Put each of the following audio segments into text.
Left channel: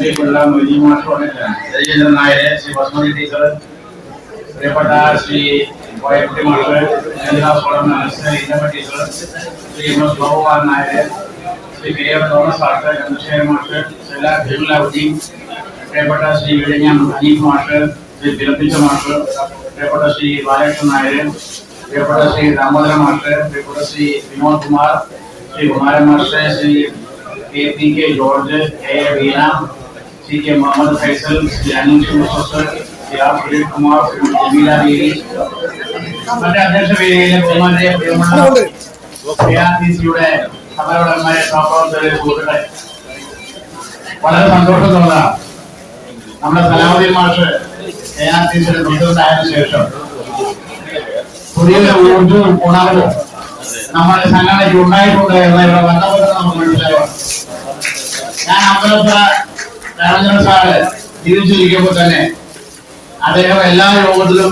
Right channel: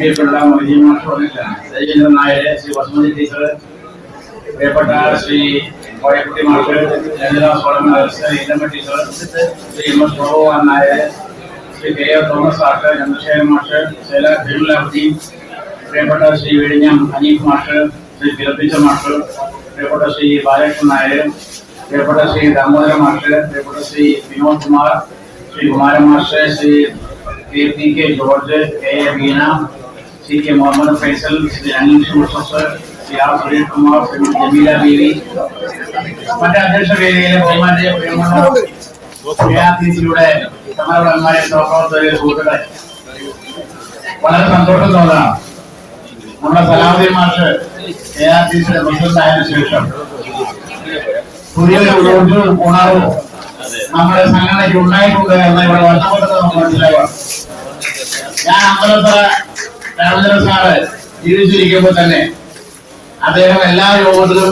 പ്രിയപ്പെട്ട മൊയ്തീൻ മാഷ്, രജീന്ദ്രൻ നായർ, ശ്രീ ബസ്മതി ടീച്ചർ, പ്രിയപ്പെട്ട ശ്രീ കോയക്കുട്ടി മാഷ്, ഇന്നമ്മ ടീച്ചർ, ശ്രീ എം എസ് ഭഗവാൻ Nair, Shri K F Thomas മാഷ്, ചന്ദ്രശേഖരൻ മാഷ്, ജലീലാവുദ്ദീൻ, പ്രിയപ്പെട്ട ശ്രീ വിഴിഞ്ഞം അനീഫ് മാഷ്, ശ്രീ പിറപ്പിച്ച മാഷ്, പ്രിയപ്പെട്ട ശ്രീ ബാലകൃഷ്ണൻ നായർ, പ്രിയപ്പെട്ട ശ്രീ ദാമോദരൻ മാഷ്, പ്രിയപ്പെട്ട ശ്രീ വിനോദ് കുമാർ, ശ്രീ കുമാരൻ മാഷ്, Shri P K George, A Veena, C K Muhammad Faisal, Shri Aneesh Mustafar, Shri R Suresh Kumar, Shri Jameela Beevi, മറ്റ് അധ്യക്ഷ വേദിയിലെ പ്രിയമുള്ള ക്രിയാസിയുടെ സമ്മേളനമായ സഹപ്രവർത്തകരെ, സുഹൃത്തുക്കളെ, വളരെ സന്തോഷം തോന്നണം. നമ്മുടെ സലാഹുദ്ദീൻ മാഷ് KRTCയുടെ പ്രസിഡന്റ് ആയതിനു ശേഷം പുതിയൊരു ഊർജവും ഉണർവും നമ്മുടെ സംഘടനയ്ക്ക് ഉണ്ടായിട്ടുണ്ട് എന്ന് ഇവിടെ വന്നപ്പോഴത്തെ നമുക്ക് മനസ്സിലായോ. ഞാൻ അമ്പലത്തറ രാമചന്ദ്രൻ സാറ് ജീവിച്ചിരിക്കുമ്പോൾ തന്നെ അദ്ദേഹം എല്ലാ യോഗത്തിലും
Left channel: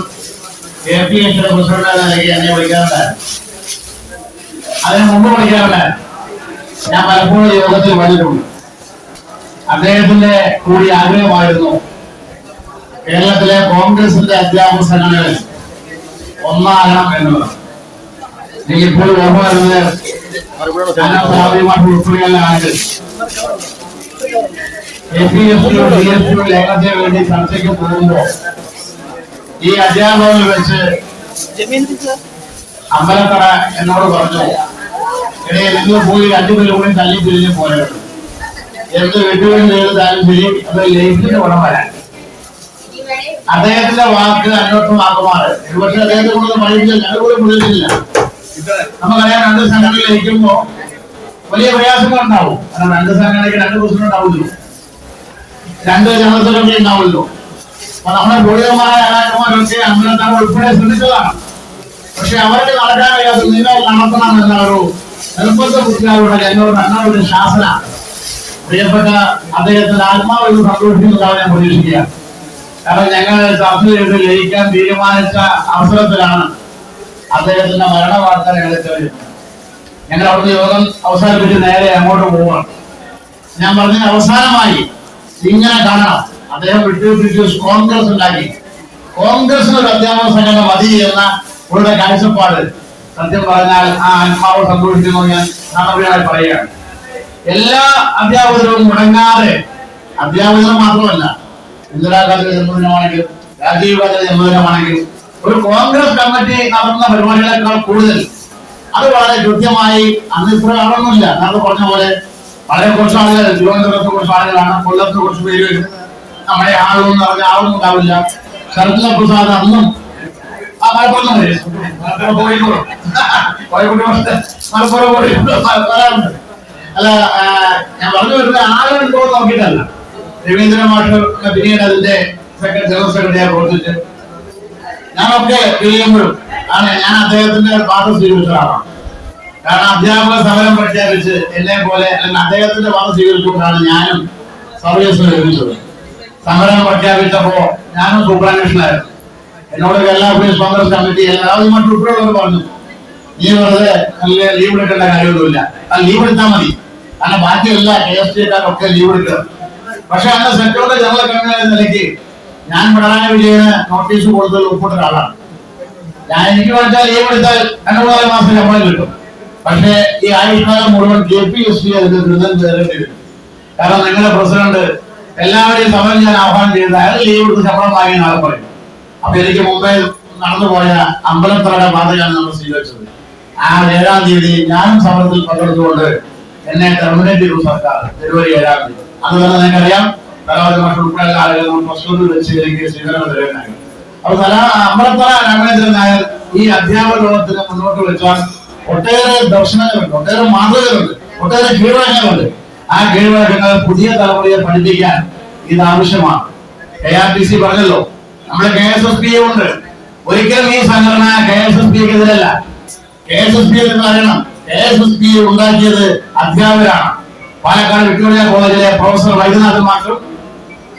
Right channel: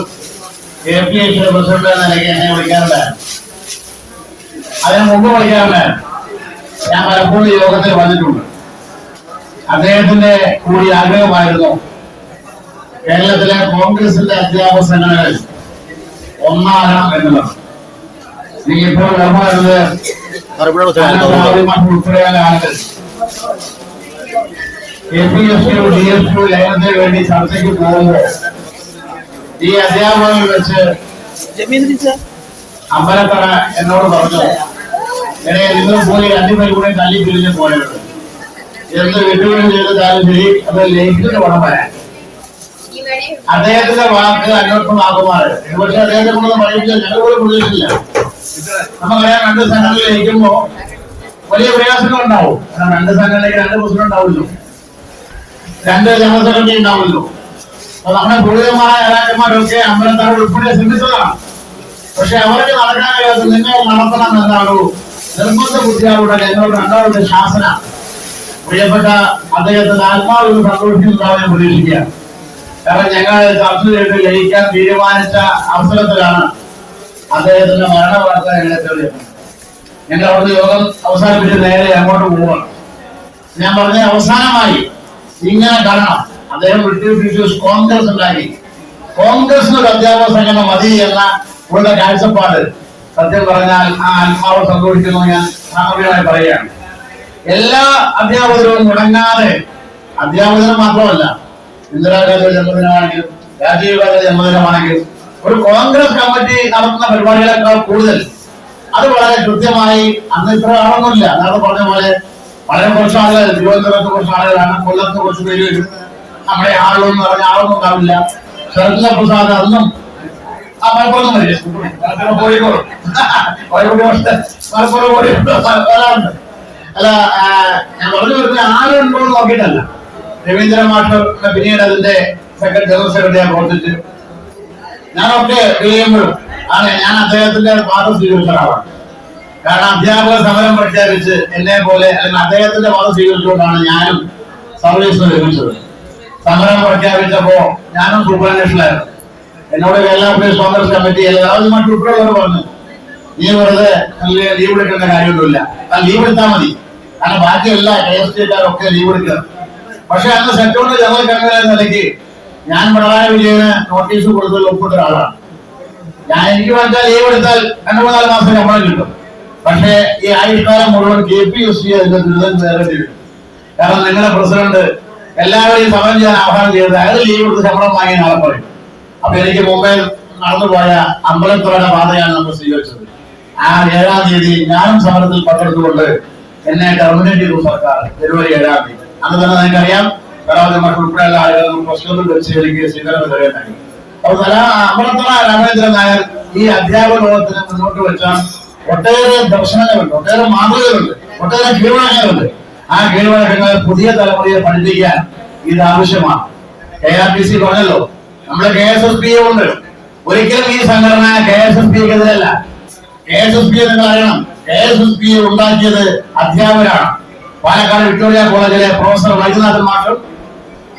KPICയുടെ പ്രസിഡന്റ് എന്ന നിലയ്ക്ക് എന്നെ വിളിക്കാറുണ്ടായിരുന്നു. അതിന് മുമ്പ് വിളിക്കാറുണ്ടായിരുന്നു. ഞാൻ പലപ്പോഴും യോഗത്തിൽ വന്നിട്ടുണ്ട്. അദ്ദേഹത്തിന്റെ കൂടി ആഗ്രഹമായിരുന്നു കേരളത്തിലെ കോൺഗ്രസിന്റെ അധ്യാപക സംഘടനകളിൽ ഒന്നാകണം എന്നുള്ളത്. എനിക്ക് ഇപ്പോഴും ഓർമ്മ വരുന്നത് ഉൾപ്പെടെയുള്ള ആളുകൾ KPSU DSU ലയനത്തിന് വേണ്ടി ചർച്ചയ്ക്ക് പോകുമ്പോൾ ഈ അധ്യാപകർ വെച്ച് അമ്പലത്തറ എന്നോട് പറഞ്ഞു, ഇടയിൽ നിങ്ങൾ പോയി രണ്ടുപേരും കൂടി തല്ലി പിരിഞ്ഞ് പോയത് എന്ത് വിട്ടുവീഴ്ച ചെയ്താലും ശരി, അത് ലയിച്ചിട്ട് വേണം വരാൻ. അദ്ദേഹത്തിന്റെ വാക്ക് അന്വേഷണമാക്കുമാറ്. പക്ഷെ അദ്ദേഹത്തെ കൊണ്ട് പറയില്ല, ഞങ്ങൾ പോലും പ്രതീക്ഷിച്ചില്ല. നമുക്കറിയാം, രണ്ട് സംഘടനകൾ ലയിക്കുമ്പോ വലിയ പ്രയാസങ്ങൾ ഉണ്ടാവും. കാരണം രണ്ട് സംഘടനയ്ക്ക് രണ്ട് പ്രസിഡന്റ് ഉണ്ടാവുമല്ലോ, രണ്ട് ജനറൽ സെക്രട്ടറി ഉണ്ടാവുമല്ലോ. അപ്പൊ നമ്മുടെ പൂർവികമായ നേതാക്കന്മാരൊക്കെ അമ്പലത്താർ ഉൾപ്പെടെ ശ്രമിച്ചതാണ്. പക്ഷെ അവർക്ക് നടക്കാൻ കഴിയാത്ത നിങ്ങൾ നടത്തണം എന്ന ഒരു നിർബന്ധ ബുദ്ധിയാവുള്ള എന്നോട് രണ്ടാമത്തെ ശാസന പ്രിയപ്പെട്ട അദ്ദേഹത്തിന്റെ ആത്മാവിൽ സന്തോഷിക്കുന്നതാണ് ഞാൻ പ്രതീക്ഷിക്കുക. കാരണം ഞങ്ങൾ ചർച്ച ചെയ്ത് ലയിക്കാൻ തീരുമാനിച്ച അവസരത്തിലാണ് അദ്ദേഹത്തിന്റെ മരണ വാർത്ത ഞങ്ങളെ തെളിഞ്ഞത്. ഞങ്ങൾ അവിടുന്ന് യോഗം അവസാനിപ്പിച്ച് നേരെ അങ്ങോട്ട് പോവുകയാണ്. ഞാൻ പറഞ്ഞ അവസാനമായി ഇങ്ങനെ കാണണം. അദ്ദേഹം ബ്രിട്ടീഷ് കോൺഗ്രസ് ഉണ്ടാക്കി. കോൺഗ്രസിന് ഒരു അധ്യാപക സംഘടന മതി എന്ന ഇവരുടെ കാഴ്ചപ്പാട് സത്യം പറഞ്ഞാൽ ആ ആത്മാവ് സന്തോഷിക്കുന്നു. ഞാൻ സാധാരണയായി പറയുകയാണ്, എല്ലാ അധ്യാപകരും മുടങ്ങാതെ, അധ്യാപകരും മാത്രമല്ല, ഇന്ദിരാഗാന്ധിയുടെ ജന്മദിനമാണെങ്കിലും രാജീവ് ഗാന്ധിയുടെ ജന്മദിനമാണെങ്കിലും ഒരു കോൺഗ്രസ് കമ്മിറ്റി നടത്തുന്ന പരിപാടികളെക്കാൾ കൂടുതൽ അത് വളരെ കൃത്യമായി, അന്ന് ഇത്ര ആളൊന്നുമില്ല, നേരത്തെ പറഞ്ഞ പോലെ വളരെ കുറച്ച് ആളുകൾ, തിരുവനന്തപുരത്ത് കുറച്ച് ആളുകളാണ്, കൊല്ലത്ത് കുറച്ച് പേര് വരും, നമ്മുടെ ആളൊന്നും പറഞ്ഞ ആളൊന്നും ഉണ്ടാവില്ല. ശരത്ചന്ദ്ര പ്രസാദ് അന്നും മലപ്പുറം വരാറുണ്ട്. അല്ല, ഞാൻ പറഞ്ഞു വരുന്ന ആളുണ്ടോ എന്ന് നോക്കിയിട്ടല്ല. രവീന്ദ്രൻ മാഷ് പിന്നീട് അതിന്റെ ജനറൽ സെക്രട്ടറിയായി പ്രവർത്തിച്ച് ഞാനൊക്കെ കഴിയുമ്പോഴും ഞാൻ അദ്ദേഹത്തിന്റെ വാദം സ്വീകരിച്ച ഒരാളാണ്. കാരണം അധ്യാപക സമരം പ്രഖ്യാപിച്ച് എന്നെ പോലെ, അല്ലെങ്കിൽ അദ്ദേഹത്തിന്റെ വാദം സ്വീകരിച്ചുകൊണ്ടാണ് ഞാനും സർവീസ് ലഭിച്ചത്. സമരം പ്രഖ്യാപിച്ചപ്പോ ഞാനും സൂപ്പറാന്വേഷനായിരുന്നു. എന്നോട് കേരള പ്രദേശ് കോൺഗ്രസ് കമ്മിറ്റി എല്ലാവരും മറ്റുൾപ്പെടെയുള്ളവർ പറഞ്ഞു, നീ വെറുതെ ലീവ് എടുക്കേണ്ട കാര്യമൊന്നുമില്ല, ആ ലീവ് എടുത്താൽ മതി, കാരണം ബാക്കിയല്ല KSTക്കാരൊക്കെ ലീവ് എടുക്കുക. പക്ഷെ അന്ന് സെക്ടറിന്റെ ജനറൽ കൺവീനർ എന്ന നിലയ്ക്ക് ഞാൻ പിണറായി വിജയന് നോട്ടീസ് കൊടുത്തതിൽ ഒപ്പിട്ട ഒരാളാണ്. എനിക്ക് വെച്ചാൽ ലീവ് എടുത്താൽ 2-3 മാസം ശമ്പളം കിട്ടും. പക്ഷെ ഈ ആയുഷ്കാലം മുഴുവൻ KPSC അതിന്റെ ദുരിതം നേരിടേണ്ടി വരും. കാരണം നിങ്ങളുടെ പ്രസിഡന്റ് എല്ലാവരെയും സമരം ചെയ്യാൻ ആഹ്വാനം ചെയ്ത് അയാൾ ലീവ് എടുത്ത് ശമ്പളം വാങ്ങി നാളെ പറയും. അപ്പൊ എനിക്ക് മുമ്പേ നടന്നുപോയ അമ്പലത്തറയുടെ പാതയാണ് നമ്മൾ സ്വീകരിച്ചത്. ആ 7-ാം തീയതി ഞാനും സമരത്തിൽ പങ്കെടുത്തുകൊണ്ട് എന്നെ ടെർമിനേറ്റ് ചെയ്തു സർക്കാർ. ഫെബ്രുവരി 7-ാം തീയതി. അന്ന് തന്നെ നിങ്ങൾക്കറിയാം, ഉൾപ്പെടെയുള്ള ആളുകൾ പ്രശ്നത്തിൽ വെച്ച് എനിക്ക് സ്വീകരണം തരുകയുണ്ടായി. അപ്പൊ അമ്പലത്തറ രാമചന്ദ്രൻ നായർ ഈ അധ്യാപക ലോകത്തിന് മുന്നോട്ട് വെച്ച ഒട്ടേറെ ദർശനങ്ങളുണ്ട്, ഒട്ടേറെ മാതൃകകളുണ്ട്, ഒട്ടേറെ കീഴ്വഴക്കങ്ങളുണ്ട്. ആ കീഴ്വഴക്കങ്ങൾ പുതിയ തലമുറയെ പഠിപ്പിക്കാൻ ഇത് ആവശ്യമാണ്. KRTC പറഞ്ഞല്ലോ, നമ്മുടെ KSSP ഉണ്ട്. ഒരിക്കലും ഈ സംഘടന KSSPക്കെതിരല്ല. KSSP നിങ്ങൾ അറിയണം, KSSP ഉണ്ടാക്കിയത് അധ്യാപകരാണ്. പാലക്കാട് വിക്ടോറിയ കോളേജിലെ പ്രൊഫസർ വൈദ്യനാഥൻ മാഷും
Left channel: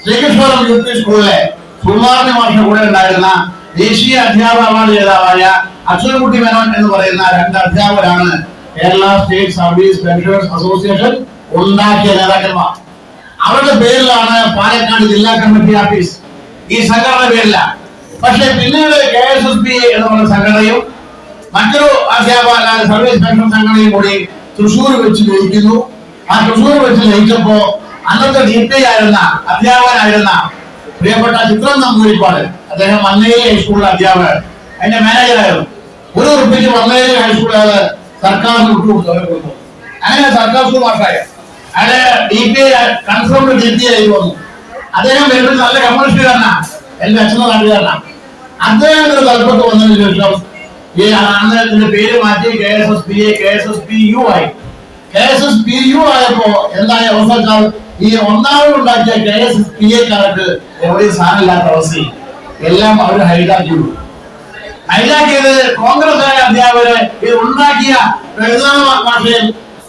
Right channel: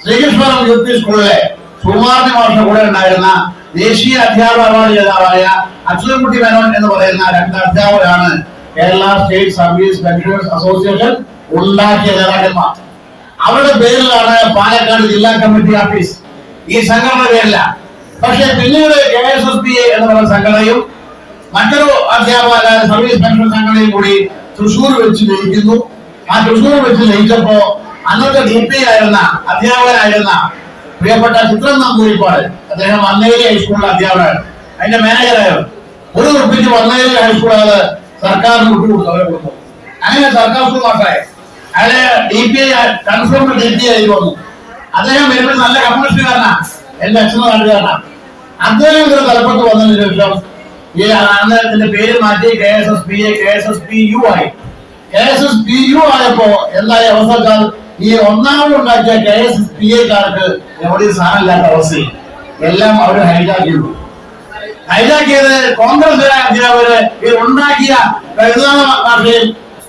ശ്രീകൃഷ്ണപുരം UP സ്കൂളിലെ സുകുമാരൻ മാഷും കൂടെ ഉണ്ടായിരുന്ന ദേശീയ അധ്യാപക അവാർഡ് ജേതാവായ അക്ഷരക്കുട്ടി മേനോൻ എന്ന് പറയുന്ന 2 അധ്യാപകരാണ് Kerala state service pensioners association ഉണ്ടാക്കിയ നേതാക്കന്മാർ. അവരുടെ പേരിലാണ് പാലക്കാട് ജില്ലാ കമ്മിറ്റി ഓഫീസ്, ഈ സംഘടന പേരില്ല. പക്ഷെ പിന്നീട് KSSPA എന്ന് പറയുന്ന സംഘടനയും മറ്റൊരു അധ്യാപക സർവീസ് പെൻഷൻ സംഘടനയും കൂടി തൃശ്ശൂർ വെച്ച് ജയിക്കുന്നു. ആ തൃശ്ശൂർ വെച്ച് ജയിച്ചപ്പോ അന്നത്തെ DPI ആയിരുന്ന അധ്യാപകനായിരുന്ന പ്രിയപ്പെട്ട ചിത്രം നമ്പൂരിപ്പാട്, അദ്ദേഹം വന്നേരി ഹൈസ്കൂളിലെ അധ്യാപകൻ, അതിന്റെ മാനേജറായിരുന്നു. ₹1 വന്നേരി ഹൈസ്കൂൾ അയാള് സർക്കാരിന് വിട്ടുകൊടുത്തു. അങ്ങനെ സർക്കാർ സ്കൂൾ മാറ്റായി. അയാളെ DPI കൺഫേംഡ് DPI ആയി വന്നു. അദ്ദേഹം വരുമ്പോൾ നല്ല കമ്മ്യൂണിസ്റ്റുകാരനാ, എന്റെ അച്ഛനും നാട്ടുകാരനാണ്. അദ്ദേഹത്തിന്റെ തലപ്പത്ത് വന്നതിന് ശേഷം ഈ അന്നത്തിന്റെ പേര് മാറ്റി KSSPU ആയി. KSSPU ആയപ്പോ എന്തായ അവസ്ഥ വെച്ചാൽ ഈ ഒന്നാമത് ഉണ്ടാക്കിയ KSSPAക്കാർക്ക് എവിടെയും സാധനമില്ലാത്ത അവസ്ഥയിൽ എല്ലാം അവർ ഹൈജാക്കിയത് കോൺഗ്രസ് അധ്യാപകര് ഇത് ഉണ്ടാക്കിയ മാഷയും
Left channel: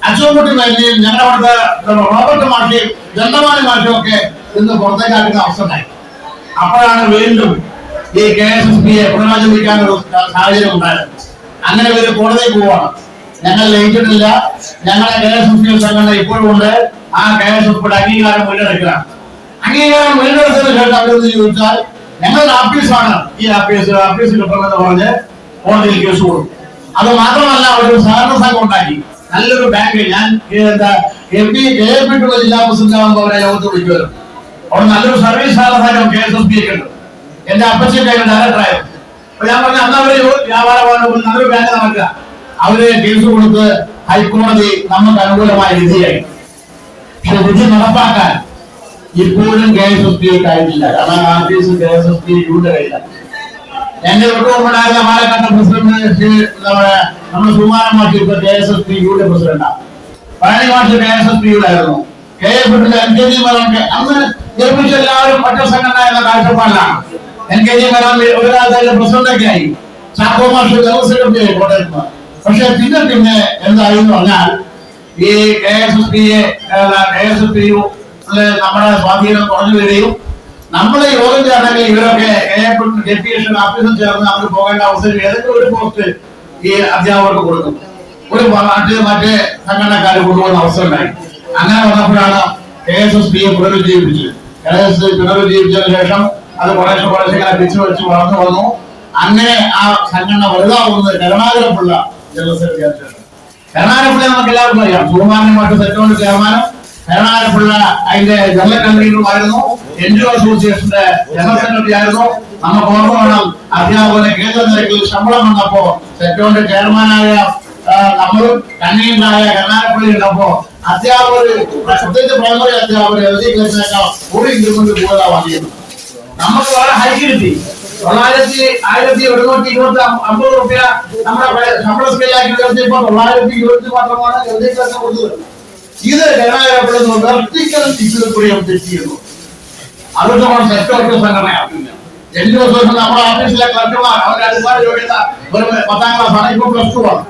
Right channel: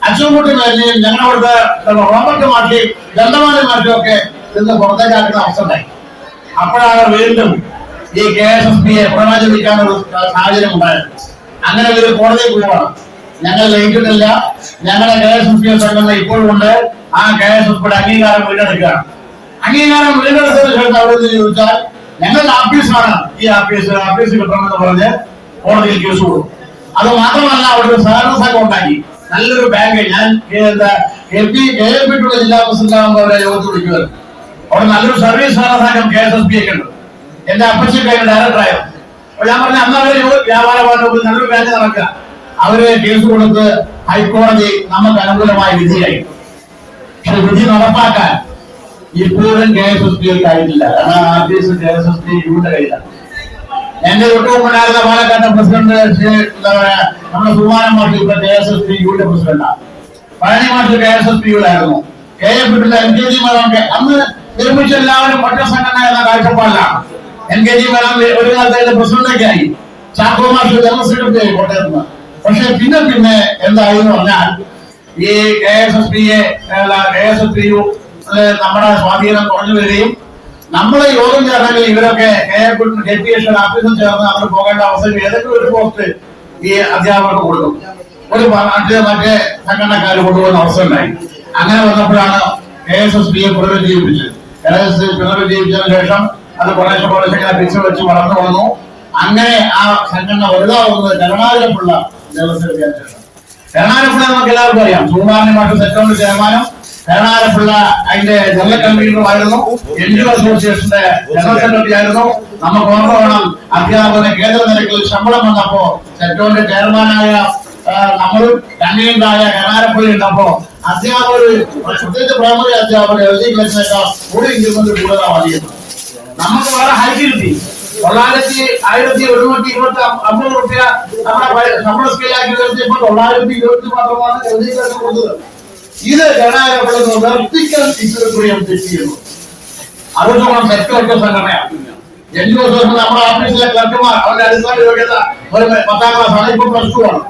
അച്ചൻകുട്ടി മേനെയും ഞങ്ങളവിടുത്തെ റോബർട്ട് മാഷയും ദണ്ഡമാലി മാഷയും ഒക്കെ ഇന്ന് പുറത്തേക്കാക്കുന്ന അവസ്ഥ ഉണ്ടായി. അപ്പോഴാണ് വീണ്ടും ഈ KSSPA പുനരാചരിക്കാനൊരു സാഹചര്യം ഉണ്ടായത്. അങ്ങനെ ഒരു കോടതിക്ക് പോവാണ്. ഞങ്ങൾ ലയിച്ചിട്ടില്ല, ഞങ്ങളുടെ KSSPA സംഘടന ഇപ്പോഴും ഉണ്ട്. ആ KSSPയുടെ അംഗീകാരം വീണ്ടെടുക്കുകയാണ്. അംഗീകാരം വീണ്ടെടുത്തതിന് ശേഷം അവരെന്ന് ചോദിച്ചാൽ ഞങ്ങളുടെ ആഫീസാണ് ഈ ആഫീസ് കിട്ടണമെന്ന് പറഞ്ഞ് കോടതിയിൽ കേസ് കൊടുക്കും. അത് മാത്രമല്ല, അവിടെ സഹകരണ സംഘം ഉണ്ടാക്കി, നല്ലൊരു ബാങ്ക്. ഞാൻ KPട്ടുള്ള ജില്ലാ പ്രസിഡന്റ് ആകുമ്പോൾ അവരെ യോഗത്തിൽ വിളിക്കുമായിരുന്നു. അവിടെ നല്ലൊരു സർവീസ് സഹകരണ സംഘം KSSPA ഉണ്ട്. എന്റെ അപ്പച്ചൊക്കെ ഡയറക്ടറായിരുന്നു. അപ്പൊ ഞാൻ പറഞ്ഞ അന്ന് അവര് വ്യാപാരമായിട്ട് നല്ലൊരു ബാങ്ക് നടക്കുക. അവര് കേസ് കൊടുത്ത് ഹൈക്കോടതി നമുക്ക് അനുകൂലമായ വിധിയായി. പക്ഷെ വിധി നടപ്പാക്കാൻ ഇപ്പോഴും KSSPAക്ക് ആയിട്ടില്ല. കാരണം ആഫീസ് KSSPയുടെ കയ്യിലാണ്. എന്റെ വിട്ടുകൊണ്ടുണ്ടായിരുന്ന പാലക്കാട്ടെ പ്രസിഡന്റ് നമ്മുടെ സുമാരൻ മാഷ് ഇപ്പൊ KSSPയുടെ പ്രസിഡന്റാണ്. പഴനി മാഷ് KSSPയുടെ ആയിരുന്നു. KFിന്റെ NKG മേനോൻ അന്ന് നിർമ്മിച്ച എല്ലാവരും ഒറ്റ സംഘടന എന്ന കാഴ്ചപ്പാടിലാണ്. NKG മേനോൻ ഒരു കാലത്ത് പ്രസിഡന്റൊക്കെ ആയി. ചാക്കോ മാഷ് ജനറൽ സെക്രട്ടറി ആയി കോട്ടയത്ത്. പക്ഷെ പിന്നെ എന്തായി എന്ന് പറഞ്ഞാൽ ഈ KSSPU നമ്മുടെ സ്വാധീനം കുറഞ്ഞു വരികയും നമ്മുടെ യോഗം ചേർന്നെങ്കിൽ ഇവരൊക്കെ KPS ഓഫീസിൽ ചേർന്ന് അവർ പോകേണ്ട അവസ്ഥയിൽ ഏതൊക്കെ ഒരു പോസ്റ്റ് ഈ അധ്യാപകർക്ക് കൊടുക്കും, ഒരു മറ്റേ സംഘടനക്കാർ കൊണ്ടുപോകുന്ന അവസ്ഥ ഉണ്ടായി. അങ്ങനെ വന്നപ്പോഴാണ് KSSPയെ പുനരുജ്ജീവിപ്പിച്ചത്. പുനരുജ്ജീവിച്ചതിന് ശേഷം അത് കുറേശ്ശെ ഇങ്ങനെ പിടിച്ചു വെച്ച് വളർന്നു വന്നു. അങ്ങനെ ആ സംഘടന വലുതാവുന്നത് കരുണാകരപിള്ള ജനറൽ സെക്രട്ടറി ശേഷം. കരുണാകരപിള്ള നമുക്ക് എല്ലാവർക്കും അറിയാം. സുകുമാരൻ മാഷ് സെക്രട്ടറി ചെയർമാനും കരുണാകരപിള്ള അതിന്റെ ജനറൽ കൺവീനറുമായിരുന്നു. NGO അസോസിയേഷന്റെ ജനറൽ സെക്രട്ടറി ആയിരുന്നു. നമുക്ക് ഓർമ്മ വേണം, അധ്യാപകന് കേന്ദ്ര നിരക്കിൽ ശമ്പളം വന്നപ്പോ സെക്ടോറിന്റെ ചെയർമാനായ നമ്മളും കൺവീനറായ കരുണാകരപിള്ള ഉണ്ടപ്പോ അധ്യാപകർ, പ്രത്യേകിച്ച് പ്രൈമറി അധ്യാപകർ LD ക്ലാസിനേക്കാൾ ഒരു ഇൻക്രിമെന്റ് കൂടുതലാണ് വാങ്ങിയത്. നമുക്ക് വളരെ ഹൈ കിട്ടി. 1150 രൂപ നമ്മുടെ ശമ്പള സ്കെയിലാക്കി ഉയർത്തിയപ്പോൾ 920 മാത്രമാണ് LD ക്ലാസ് കൊടുത്തത്. ഇത് കരുണാകരപിള്ള വെർട്ടിക്കൽ ഇക്വിലിബ്രിയം തെറ്റ് ചെയ്യുന്നു. അതുകൊണ്ടാണ് സെക്ടോറിന്റെ സംഘടനയാക്കുന്നത്. NGO നമ്മുടെ ഓഫീസിലെ ക്ലർക്കുമാർ അവരുടെ അടിസ്ഥാന യോഗ്യത ഒരു 10ാം ക്ലാസ് ആണ്, ഇപ്പോൾ +2 ആണ്.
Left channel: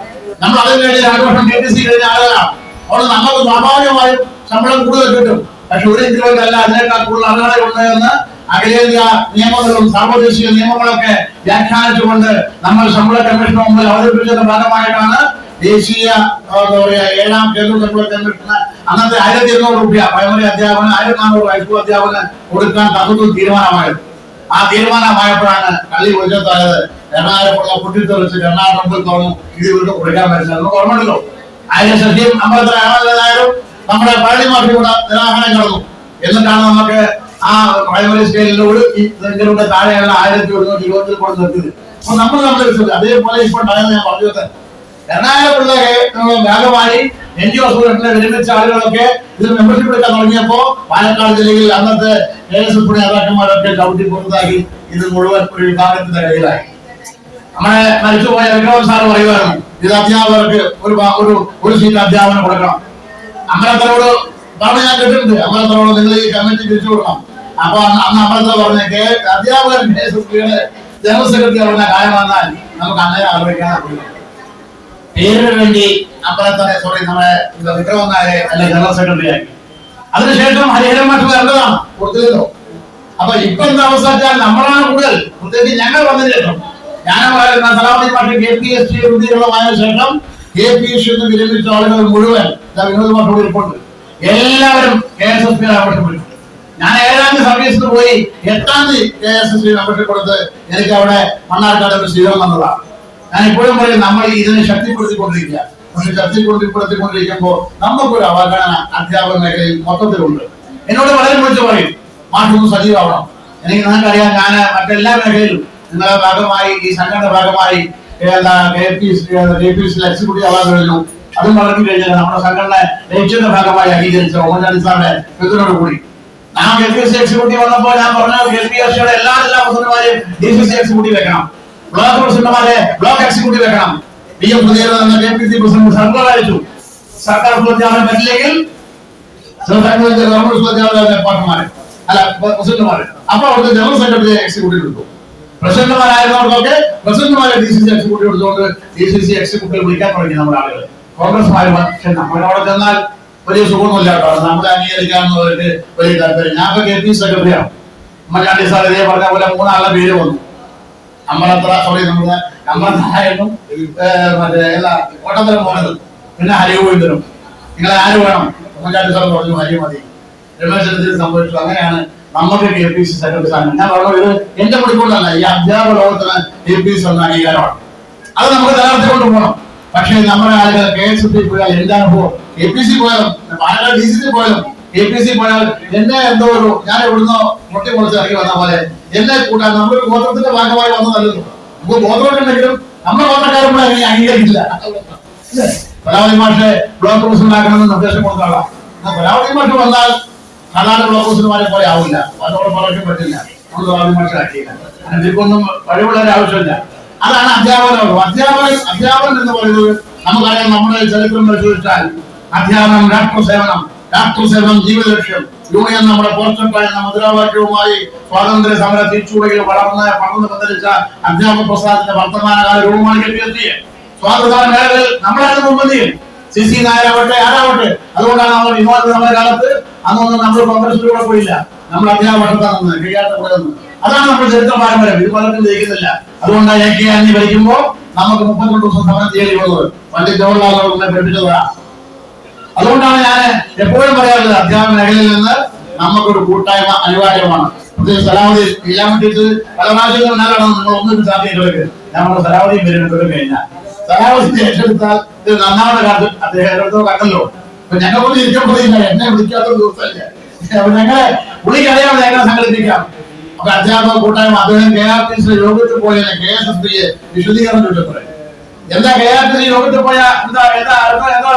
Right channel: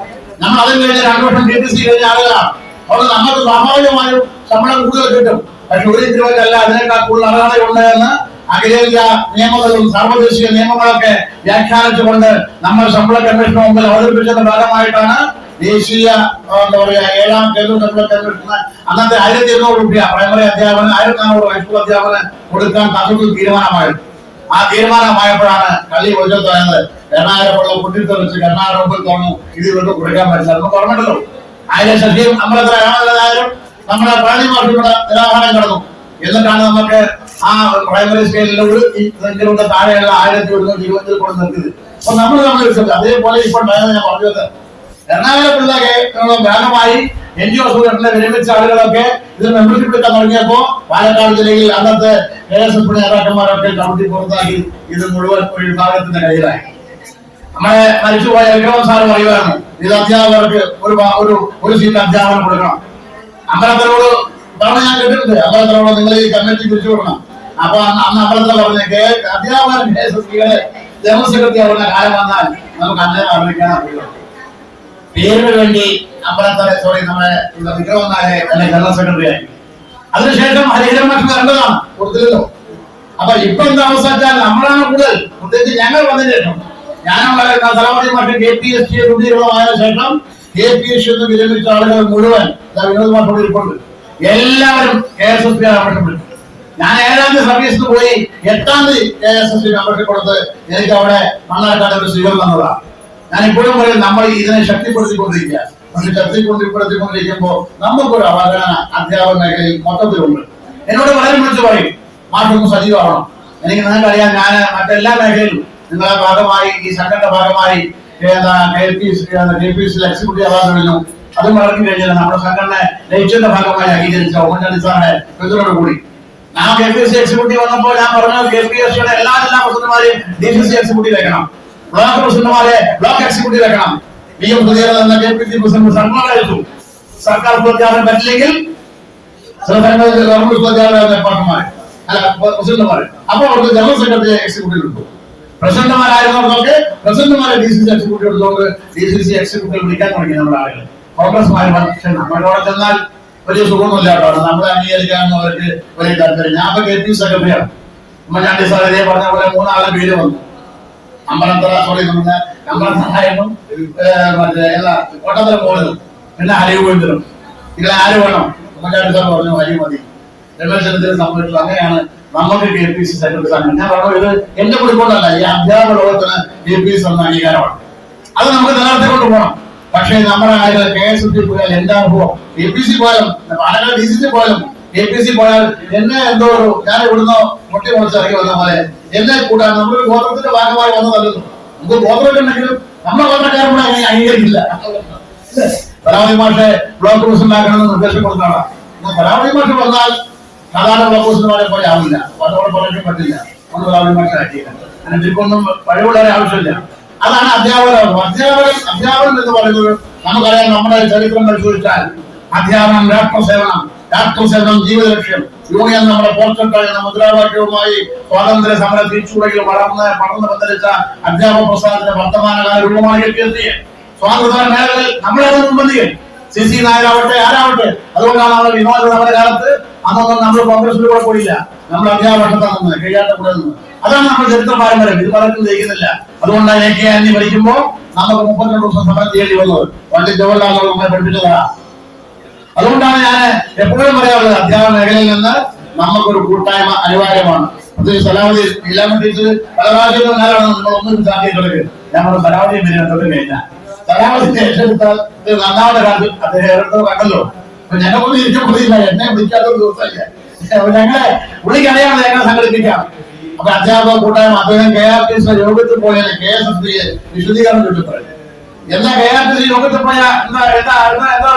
നമ്മൾ അതിൽ കഴിഞ്ഞ 2 വർഷം TTC കഴിഞ്ഞ ആളുകളാണ്. അവിടെ നമുക്ക് സ്വാഭാവികമായും ശമ്പളം കൂടുതൽ കിട്ടും. പക്ഷെ ഒരു ഇൻക്രിമെന്റ് അല്ല, അതിനേക്കാൾ കൂടുതൽ അർഹതയുണ്ട് എന്ന് അഖിലേന്ത്യാ നിയമങ്ങളും സാർവദേശിക നിയമങ്ങളൊക്കെ വ്യാഖ്യാനിച്ചുകൊണ്ട് നമ്മൾ ശമ്പള കമ്മീഷന് മുമ്പിൽ അവതരിപ്പിച്ചതിന്റെ ഭാഗമായിട്ടാണ് ദേശീയ എന്താ പറയാ 7ാം കേന്ദ്ര ശമ്പള കമ്മീഷന് അന്നത്തെ 1200 രൂപ പ്രൈമറി അധ്യാപകന് 1400 ഹൈസ്കൂൾ അധ്യാപകന് കൊടുക്കാൻ തത്വത്തിൽ തീരുമാനമായത്. ആ തീരുമാനമായപ്പോഴാണ് കള്ളി ഒഴിച്ചതായത്. കരുണാകരപിള്ള പൊട്ടിത്തെറിച്ച് കരുണാകരൻ മുമ്പിൽ തുറന്നു, ഇത് ഇവർക്ക് കൊടുക്കാൻ പറ്റില്ല. നമുക്ക് ഓർമ്മയുണ്ടല്ലോ, അതിന്റെ ശക്തിയും അമ്പലത്തിൽ രാമനായാലും നമ്മുടെ പഴനി മാഷി കൂടെ നിരാഹാരം കടന്നു. എന്നിട്ടാണ് നമുക്ക് ആ പ്രൈമറി സ്കെയിലിലൂടെ ഇതിലൂടെ താഴെയുള്ള 1120 കൂടെ നിർത്തിയത്. അപ്പൊ നമ്മൾ വെച്ചത് അതേപോലെ ഇപ്പൊ ഉണ്ടായത് ഞാൻ പറഞ്ഞത്. കരുണാകരപിള്ള ഭാഗമായി NGO അസോസിയേഷനിലെ വിരമിച്ച ആളുകളൊക്കെ ഇത് മെമ്പർഷിപ്പ് എടുക്കാൻ തുടങ്ങിയപ്പോ പാലക്കാട് ജില്ലയിൽ അന്നത്തെ KSSP നേതാക്കന്മാരൊക്കെ ചവിട്ടി പുറത്താക്കി ഇത് മുഴുവൻ ഒരു വിഭാഗത്തിന്റെ കയ്യിലായി. നമ്മുടെ മരിച്ചുപോയ വിക്രമൻ സാർ പറയുമായിരുന്നു, ഇത് അധ്യാപകർക്ക് ഒരു സീറ്റ് അധ്യാപനം കൊടുക്കണം. അമ്പലത്തിനോട് പറഞ്ഞ് ഞാൻ കേട്ടിട്ടുണ്ട്, അമ്പലത്തിനോട് നിങ്ങൾ ഈ കമ്മിറ്റി തിരിച്ചു കൊടുക്കണം. അപ്പൊ അന്ന് അമ്പലത്തിൽ പറഞ്ഞ അധ്യാപകൻ KSSPയുടെ ജനറൽ സെക്രട്ടറി പറഞ്ഞ കാര്യം വന്നാൽ നമുക്ക് അന്നേരം ആലോചിക്കാൻ അറിയുള്ളൂ. പേരിന് വേണ്ടി അമ്പലത്തിലെ നമ്മുടെ വിക്രമൻ നായരെ അല്ലെ ജനറൽ സെക്രട്ടറി ആയി. അതിനുശേഷം ഹരിഹരൻ മാഷ് വരേണ്ടതാണ്, കൊടുത്തില്ലല്ലോ. അപ്പൊ ഇപ്പൊ എന്താ അവസ്ഥ വെച്ചാൽ നമ്മളാണ് കൂടുതൽ, പ്രത്യേകിച്ച് ഞങ്ങൾ വന്നതിന് ശേഷം സലാമുദ്ദീൻ മാഷ് KPST രൂപീകൃതമായ ശേഷം KPST വിരമിച്ച ആളുകൾ മുഴുവൻ വിനോദ് മാഷോട് ഇരിപ്പുണ്ട്. എല്ലാവരും KSSP ആവശ്യപ്പെട്ടു. ഞാൻ 7ാം തീയതി സർവീസിന് പോയി 8ാം തീയതി KSSB മെമ്പർഷിപ്പ് കൊടുത്ത് എനിക്ക് അവിടെ മണ്ണാർക്കാട് സ്വീകരണം തന്നതാണ്. ഞാൻ ഇപ്പോഴും പറയും, നമ്മൾ ഇതിനെ ശക്തിപ്പെടുത്തിക്കൊണ്ടിരിക്കുക. പക്ഷെ ശക്തിപ്പെടുത്തിക്കൊണ്ടിരിക്കുമ്പോൾ നമുക്കൊരു അവഗണന അധ്യാപക മേഖലയിൽ മൊത്തത്തിലുണ്ട്. എന്നോട് വളരെ വിളിച്ച് പറയും, മാഷൊന്ന് സജീവമാവണം. എനിക്ക് നിങ്ങൾക്കറിയാം, ഞാൻ മറ്റെല്ലാ മേഖലയിലും നിങ്ങളുടെ ഭാഗമായി, ഈ സംഘടന ഭാഗമായി KPSC എക്സിക്യൂട്ടീവ് അവാർഡ് കഴിഞ്ഞു. അതും വളർന്നു കഴിഞ്ഞാൽ നമ്മുടെ സംഘടന ലക്ഷ്യത്തിന്റെ ഭാഗമായി അംഗീകരിച്ച ഉമ്മൻചാണ്ടി സാറിന്റെ പിന്തുണയോട് കൂടി ഞാൻ KPSC എക്സിക്യൂട്ടീവ് വന്നപ്പോൾ ഞാൻ പറഞ്ഞു, KPSCയുടെ എല്ലാ പ്രസിഡന്റുമാരെയും DCC എക്സിക്യൂട്ടീവ് വെക്കണം, ബ്ലോക്ക് പ്രസിഡന്റുമാരെ ബ്ലോക്ക് എക്സിക്യൂട്ടീവ് വെക്കണം. PM സുധീരൻ എന്ന KPSC പ്രസിഡന്റ് സർക്കാർ അയച്ചു. സർക്കാർ ഉദ്യോഗാർത്ഥം പറ്റില്ലെങ്കിൽ ഗവൺമെന്റ് പാർട്ടിമാരെ അല്ല പ്രസിഡന്റുമാരെ, അപ്പൊ അവിടുത്തെ ജനറൽ സെക്രട്ടറി എക്സിക്യൂട്ടീവ് എടുത്തു. പ്രസിഡന്റുമാരായതുകൊണ്ടൊക്കെ പ്രസിഡന്റുമാരെ DCC എക്സിക്യൂട്ടീവ് എടുത്തുകൊണ്ട് DCC എക്സിക്യൂട്ടീവ് വിളിക്കാൻ തുടങ്ങി നമ്മുടെ ആളുകൾ. കോൺഗ്രസ്മാര്. പക്ഷെ നമ്മുടെ അവിടെ ചെന്നാൽ വലിയ സുഖമൊന്നുമില്ല കേട്ടോ, നമ്മളെ അംഗീകരിക്കാമെന്നവർക്ക് വലിയ താല്പര്യം. ഞാൻ ഇപ്പൊ KPSC സെക്രട്ടറിയാണ്. ഉമ്മൻചാണ്ടി സാർ ഇതേ പറഞ്ഞ പോലെ 3 ആളുടെ പേര് വന്നു. അമ്പലത്തറായിരുന്നു, മറ്റേ കോട്ടത്തരം പോകുന്നതും, പിന്നെ ഹരിഗോവിന്ദനും. നിങ്ങളെ ആര് വേണം? ഉമ്മൻചാണ്ടി സാർ പറഞ്ഞു ഹരി മതി. രമേശ് ചെന്നിത്തല സംഭവിച്ചു. അങ്ങനെയാണ് നമുക്ക് KPSC സെക്രട്ടറി സ്ഥാനം. ഞാൻ പറഞ്ഞു, ഇത് എന്റെ മുടിക്കൊണ്ടല്ല, ഈ അധ്യാപക ലോകത്തിന് KPSC എന്ന അംഗീകാരമാണ്. അത് നമുക്ക് നിലനിർത്തിക്കൊണ്ട് പോകണം. പക്ഷേ നമ്മുടെ ആളുകൾ KSSB പോയാൽ എന്താകുമോ, KPSC പോയാലും പാലക്കാട് DCC പോയാലും KPSC പോയാൽ എന്നെ എന്തോ ഒരു ഞാൻ ഇവിടുന്ന് മുട്ടി മുളച്ച് ഇറങ്ങി വന്ന പോലെ എന്നെ കൂട്ടാൻ നമ്മളൊരു ഗോത്രത്തിന്റെ ഭാഗമായി വന്നതല്ലോ. നമുക്ക് ഗോത്രമൊക്കെ ഉണ്ടെങ്കിലും നമ്മുടെ ഗോത്രക്കാരെ കൂടെ അങ്ങനെ അംഗീകരിക്കില്ല. കലാവതി മാഷെ ബ്ലോക്ക് പ്രസിഡന്റ് ആക്കണമെന്ന് നിർദ്ദേശം കൊടുത്ത ആളാ. എന്നാൽ കലാവതി മാഷ് വന്നാൽ സാധാരണ ബ്ലോക്ക് പ്രസിഡന്റുമാരെ പോലെ ആവില്ല, അതോടെ പറയാൻ പറ്റില്ല. നമ്മൾ കലാവതി മാഷെ ആക്കിയില്ല. അങ്ങനെ ഇതിക്കൊന്നും കഴിവുള്ള ആവശ്യമില്ല. അതാണ് അധ്യാപനം. അധ്യാപനം എന്ന് പറയുന്നത് നമുക്കറിയാം. നമ്മുടെ ചരിത്രം പരിശോധിച്ചാൽ അധ്യാപനം രാഷ്ട്രസേവനം ജീവിത ലക്ഷ്യം, യൂണിയൻ നമ്മുടെ പോർച്ചട്ടായ മുദ്രാവാക്യവുമായി സ്വാതന്ത്ര്യ സമര തിരിച്ചുടയിൽ പടർന്ന് പന്തലിച്ച അധ്യാപക പ്രസ്ഥാനത്തിന്റെ വർത്തമാനകാല രൂപമാണ് KPSC. സ്വാതന്ത്ര്യ മേഖലയിൽ നമ്മളാണ് മുൻപന്തിയിൽ. CC നായരാവട്ടെ ആരാവട്ടെ. അതുകൊണ്ടാണ് നമ്മൾ വിനോദ സമരകാലത്ത് അന്നൊന്നും നമ്മൾ കോൺഗ്രസിലൂടെ പോയില്ല, നമ്മൾ അധ്യാപകർത്താണെന്ന് കഴിയാത്ത കൂടെ നിന്ന്. അതാണ് നമ്മുടെ ചരിത്ര പാരമ്പര്യം. ഇത് പലർക്കും ജയിക്കുന്നില്ല. അതുകൊണ്ടാണ് AK ഭരിക്കുമ്പോ നമുക്ക് 32 ദിവസം സമരം ചെയ്യേണ്ടി വന്നത്. പണ്ഡിറ്റ് ജവഹർലാൽ നെഹ്റു നമ്മെ പഠിപ്പിച്ചതാണ്. അതുകൊണ്ടാണ് ഞാൻ എപ്പോഴും പറയാറുള്ളത്, അധ്യാപന മേഖലയിൽ നിന്ന് നമുക്കൊരു കൂട്ടായ്മ അനിവാര്യമാണ്. സലാഹുദ്ദീൻ ഇല്ലാമട്ടിച്ച് പല പ്രാവശ്യങ്ങളും നേരാണ് നമ്മൾ ഒന്നും സാധ്യതകളൊക്കെ. ഞങ്ങളുടെ സലാഹുദ്ദീൻ വരെ കഴിഞ്ഞാൽ സലാഹുദ്ദീൻ ഏറ്റെടുത്താൽ ഇത് നന്നാവുന്ന കാലത്ത് അദ്ദേഹം കണ്ടല്ലോ. അപ്പൊ ഞങ്ങൾക്കൊന്നും ഇരിക്കാൻ പറ്റില്ല, എന്നെ വിളിക്കാത്തൊരു ദിവസമല്ല. ഞങ്ങളെ വിളിക്കറിയാതെ എങ്ങനെ സംഘടിപ്പിക്കാം. അപ്പൊ അധ്യാപക കൂട്ടായ്മ അദ്ദേഹം KRTC യോഗത്തിൽ പോയതിനെ KSSBയെ വിശദീകരണം ചൊല്ലിപ്പറയും. എന്താ KRTC യോഗത്തിൽ പോയ എന്താ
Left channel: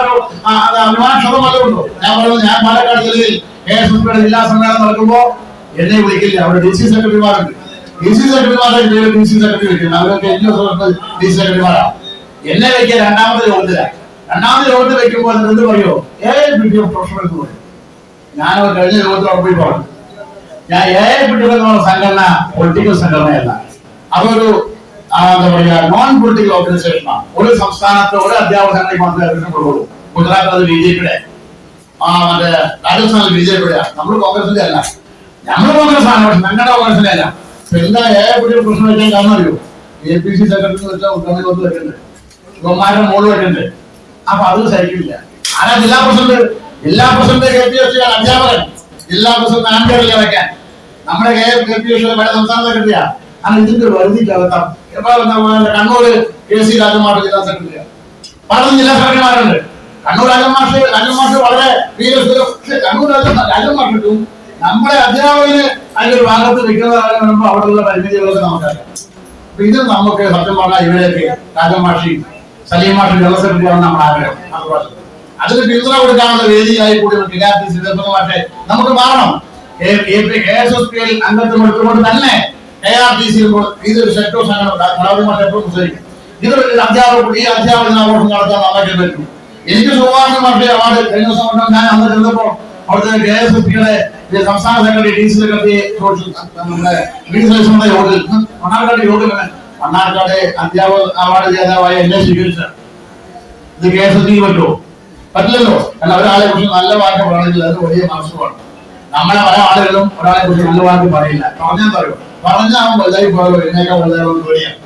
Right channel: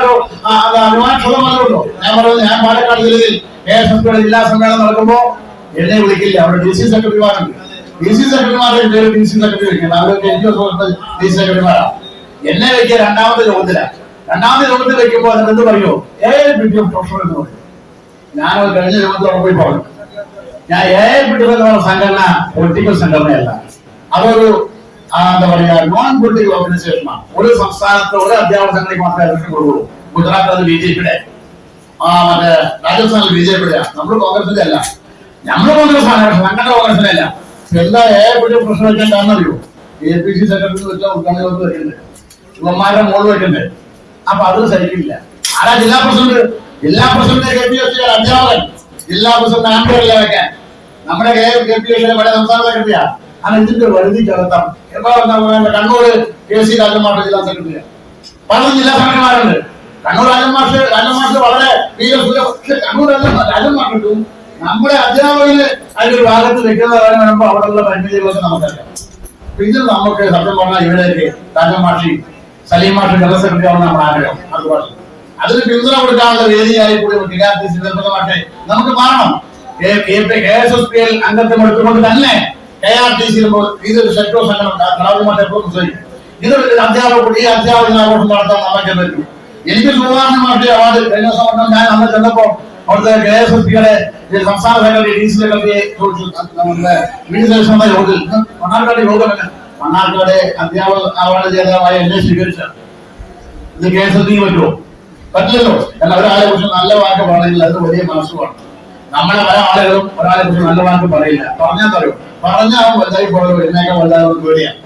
ഒരു അനുമാനക്ഷതമല്ലോ. ഞാൻ പറയുന്നത്, ഞാൻ പാലക്കാട് ജില്ലയിൽ KSSBയുടെ ജില്ലാ സമ്മേളനം നടക്കുമ്പോ എന്നെ വിളിക്കില്ല. അവിടെ DC സെക്രട്ടറിമാരുണ്ട്. DC സെക്രട്ടറിമാരുടെ പേര് DC സെക്രട്ടറി വെക്കുന്നത്. അവരൊക്കെ DC സെക്രട്ടറിമാരാണ്. എന്നെ വെക്കുക രണ്ടാമത്തെ യോഗത്തിൽ വെക്കുമ്പോൾ അതിന് എന്ത് പറയുമോ, AIPTF പ്രൊഫഷണൽ എന്ന് പറയും. ഞാനത് കഴിഞ്ഞ യോഗത്തിൽ പോയി പറഞ്ഞു, ഞാൻ AIPTF എന്നുള്ള സംഘടന പൊളിറ്റിക്കൽ സംഘടനയല്ല, അതൊരു എന്താ പറയാ നോൺ പൊളിറ്റിക്കൽ ഓർഗനൈസേഷനാണ്. ഒരു സംസ്ഥാനത്ത് ഒരു അധ്യാപക സംഘടനയ്ക്ക് മാത്രമേ ഇലക്ഷൻ കൊടുക്കുള്ളൂ. ഗുജറാത്തിൽ അത് BJPയുടെ, മറ്റേ രാജസ്ഥാനിൽ BJPയുടെ. നമ്മൾ കോൺഗ്രസിന്റെ അല്ല, നമ്മൾ കോൺഗ്രസ് ആണ്. പക്ഷെ സംഘടന കോൺഗ്രസിന്റെ അല്ല. എന്താ AIPTF പ്രശ്നം വെച്ചാൽ കാരണം അറിയോ, APC സെക്രട്ടറി വെച്ചാൽ ഉദ്ഘാടനം വെക്കുന്നുണ്ട്, ശിവന്മാരുടെ മുകളിൽ വെക്കുന്നുണ്ട്. അപ്പൊ അത് സഹിക്കില്ല. ആരാ ജില്ലാ പ്രസിഡന്റ് KPSC അധ്യാപകൻ. ജില്ലാ പ്രസിഡന്റ് ആംബിയറില്ല വെക്കാൻ. നമ്മുടെ KPSC പല സംസ്ഥാന സെക്രട്ടറിയാ. അങ്ങനെ ഇതിന്റെ വരുതിക്കകത്താം. കണ്ണൂര് KC രാജമാഷ ജില്ലാ സെക്രട്ടറിയാണ്. പലതും ജില്ലാ സെക്രട്ടറിമാരുണ്ട്. കണ്ണൂർ രാജമാഷ് വളരെ കണ്ണൂർ രാജമാഷിട്ടും നമ്മുടെ അധ്യാപകന് അതിന്റെ ഒരു ഭാഗത്ത് നിൽക്കുന്നതാണെന്ന് പറയുമ്പോൾ അവിടെയുള്ള പരിമിതികളൊക്കെ നമുക്കറിയാം. അപ്പൊ ഇത് നമുക്ക് സത്യം പറഞ്ഞാൽ ഇവരെയൊക്കെ രാജമാഷി സലീം മാഷി ജനറൽ സെക്രട്ടറി ആണ് നമ്മുടെ ആഗ്രഹം. അതിന് പിന്തുണ കൊടുക്കാനുള്ള വേദിയായി കൂടി KRTC മാഷെ നമുക്ക് മാറണം. KSSBയിൽ അംഗത്വം എടുത്തുകൊണ്ട് തന്നെ KRTC ഇതൊരു സെക്ടർ സംഘടന ഇതൊരു അധ്യാപക ഈ അധ്യാപകനാഘോഷം നടത്താൻ നമുക്ക് പറ്റും. എനിക്ക് സുഭാഷ് മാഷെ അവാർഡ് കഴിഞ്ഞ ദിവസം ഞാൻ അന്ന് ചെന്നപ്പോ അവിടുത്തെ KSSBയുടെ സംസ്ഥാന സെക്രട്ടറി DC സെക്രട്ടറി യോഗത്തിൽ മണ്ണാർക്കാട് യോഗം മണ്ണാർക്കാട് അധ്യാപക അവാർഡ് ജേതാവായ എന്നെ സ്വീകരിച്ച ഇത് KSSBക്ക് പറ്റുമോ? പറ്റില്ലല്ലോ. കാരണം ഒരാളെ കുറിച്ച് നല്ല വാക്ക് പറയണമെങ്കിൽ അത് വലിയ മനസ്സുമാണ്. നമ്മളെ പല ആളുകളും ഒരാളെ കുറിച്ച് നല്ല വാക്ക് പറയില്ല. പറഞ്ഞാൽ പറയും, പറഞ്ഞാൽ വലുതായി പോലും ഇതിനേക്കാൾ വലുതായി പേടിയാണ്.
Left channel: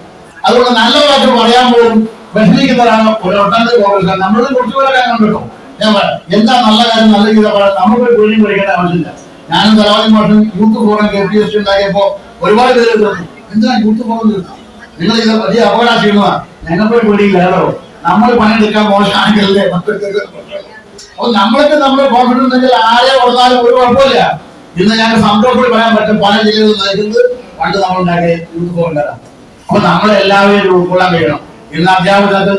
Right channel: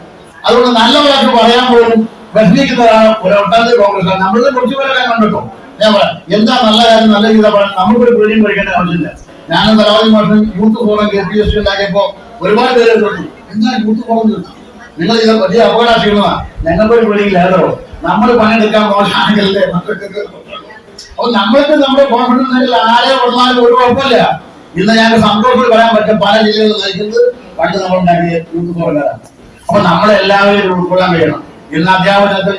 അതുകൊണ്ട് നല്ല വാക്ക് പറയാൻ പോലും വിഷമിക്കുന്നവരാണ് ഒട്ടനവധി കോൺഗ്രസ്. നമ്മളുടെ കുറച്ച് പേരെ കാര്യം കണ്ടോ. ഞാൻ പറയാം, എന്താ നല്ല കാര്യം നല്ല ഗീത പറയാൻ നമുക്കൊരു തൊഴിലും പഠിക്കേണ്ട ആവശ്യമില്ല. ഞാനും തലാവതി മാഷും യൂത്ത് ഫോറം KPSC ഉണ്ടാക്കിയപ്പോ ഒരുപാട് പേര് എന്താ യൂത്ത് ഫോറം നിങ്ങൾ ഇത് വലിയ അപകടമാ, ഞങ്ങൾക്കൊരു പേടിയില്ല കേട്ടോ, നമ്മൾ പണിയെടുക്കാൻ മോശമാണെങ്കിലല്ലേ മക്കൾക്ക്. അപ്പൊ നമ്മൾക്ക് നമ്മുടെ കോൺഫിഡൻസ് ഉണ്ടെങ്കിൽ ആരെ വന്നാലും ഒരു കുഴപ്പമില്ല. ഇന്ന് ഞങ്ങൾക്ക് സന്തോഷത്തിൽ പറയാൻ പറ്റും പല ജില്ലകളിൽ നയിക്കുന്നത് പണ്ട് നമ്മൾ ഉണ്ടാക്കിയ യൂത്ത് ഫോറംകാരാണ്. അപ്പൊ നമ്മളെ എല്ലാവരും ഉൾക്കൊള്ളാൻ കഴിയണം. ഇന്ന് അധ്യാപകത്തിൽ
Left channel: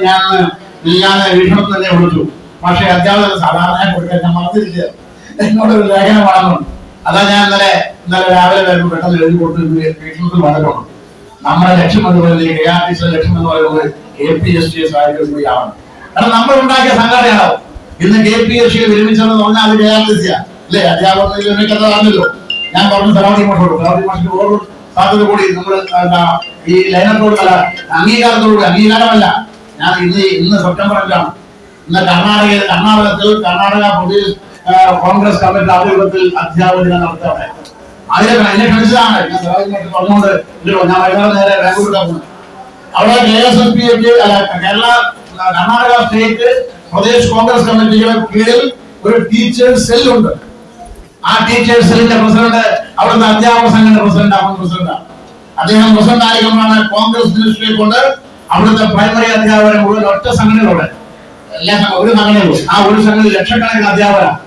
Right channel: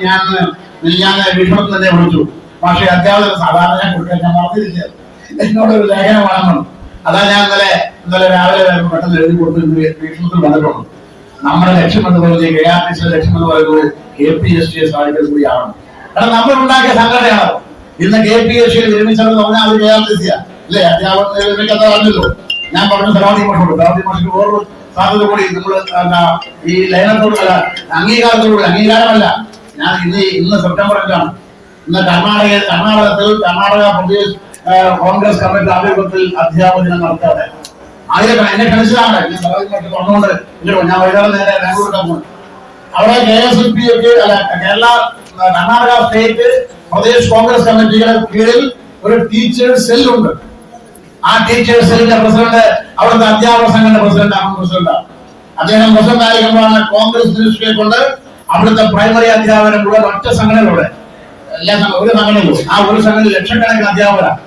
ഞാൻ വീക്ഷണത്തിൽ തന്നെ വിളിച്ചു, പക്ഷേ അധ്യാപകർ സാധാരണ കൊടുക്കാൻ ഞാൻ മറന്നിരിക്കുക, എന്നോടൊരു ലേഖനം വളർന്നു. അതാ ഞാൻ ഇന്നലെ രാവിലെ പെട്ടെന്ന് എഴുതി കൊടുത്ത് വീക്ഷണത്തിൽ വന്നിട്ടുണ്ട്. നമ്മുടെ ലക്ഷ്യം എന്ന് പറയുന്നത് KRTC ലക്ഷ്യം എന്ന് പറയുന്നത് KPSC കൂടി ആവണം. കാരണം നമ്മൾ ഉണ്ടാക്കിയ സംഘടനയാണ്. ഇന്ന് KPSC വിരമിച്ചതെന്ന് പറഞ്ഞാൽ അത് KRTC അല്ലേ? അധ്യാപകർ വിരമിക്കാത്തതാണല്ലോ. ഞാൻ പറഞ്ഞു തലാവതി മാഷിക്ക് ഓരോ സാധ്യത കൂടി നമ്മൾ ഈ ലയനത്തോട് അല്ല അംഗീകാരത്തോട് അംഗീകാരമല്ല. ഞാൻ ഇന്ന് സെപ്റ്റംബർ 5 ഇന്ന് കർണാടക പ്രദേശ് കോൺഗ്രസ് കമ്മിറ്റി ആഭിമുഖ്യത്തിൽ അധ്യാപക ദിനം നടത്തുകയാണ്. അതിലൊക്കെ എന്നെ ക്ഷണിച്ചതാണ്. ഞാൻ പറഞ്ഞുകൊണ്ട് ഇല്ലല്ലോ, ഞാൻ വൈകുന്നേരം നേരെ ബാംഗ്ലൂരിലാണ് പോകുന്നത്. അവിടെ KSLP കർണാടക സ്റ്റേറ്റ് പ്രദേശ് കോൺഗ്രസ് കമ്മിറ്റിയുടെ കീഴിൽ ഒരു ടീച്ചേഴ്സ് സെല്ലുണ്ട്. ആ ടീച്ചേഴ്സ് സെല്ലിന്റെ പ്രസിഡന്റ് അവിടുത്തെ അധ്യാപക സംഘടന പ്രസിഡന്റാണ്. അദ്ദേഹം പ്രസിഡന്റ് ആയിരിക്കുമ്പോഴാണ് കോൺഗ്രസ് മിനിസ്ട്രിയെ കൊണ്ട് അവിടുത്തെ പ്രൈമറി അധ്യാപകരെ മുഴുവൻ ഒറ്റ സംഘടനയിലൂടെ ഒരു സംഘടനയിലും ആ ഒരു സംഘടനയിൽ ലക്ഷക്കണക്കിന് അധ്യാപകരാണ്.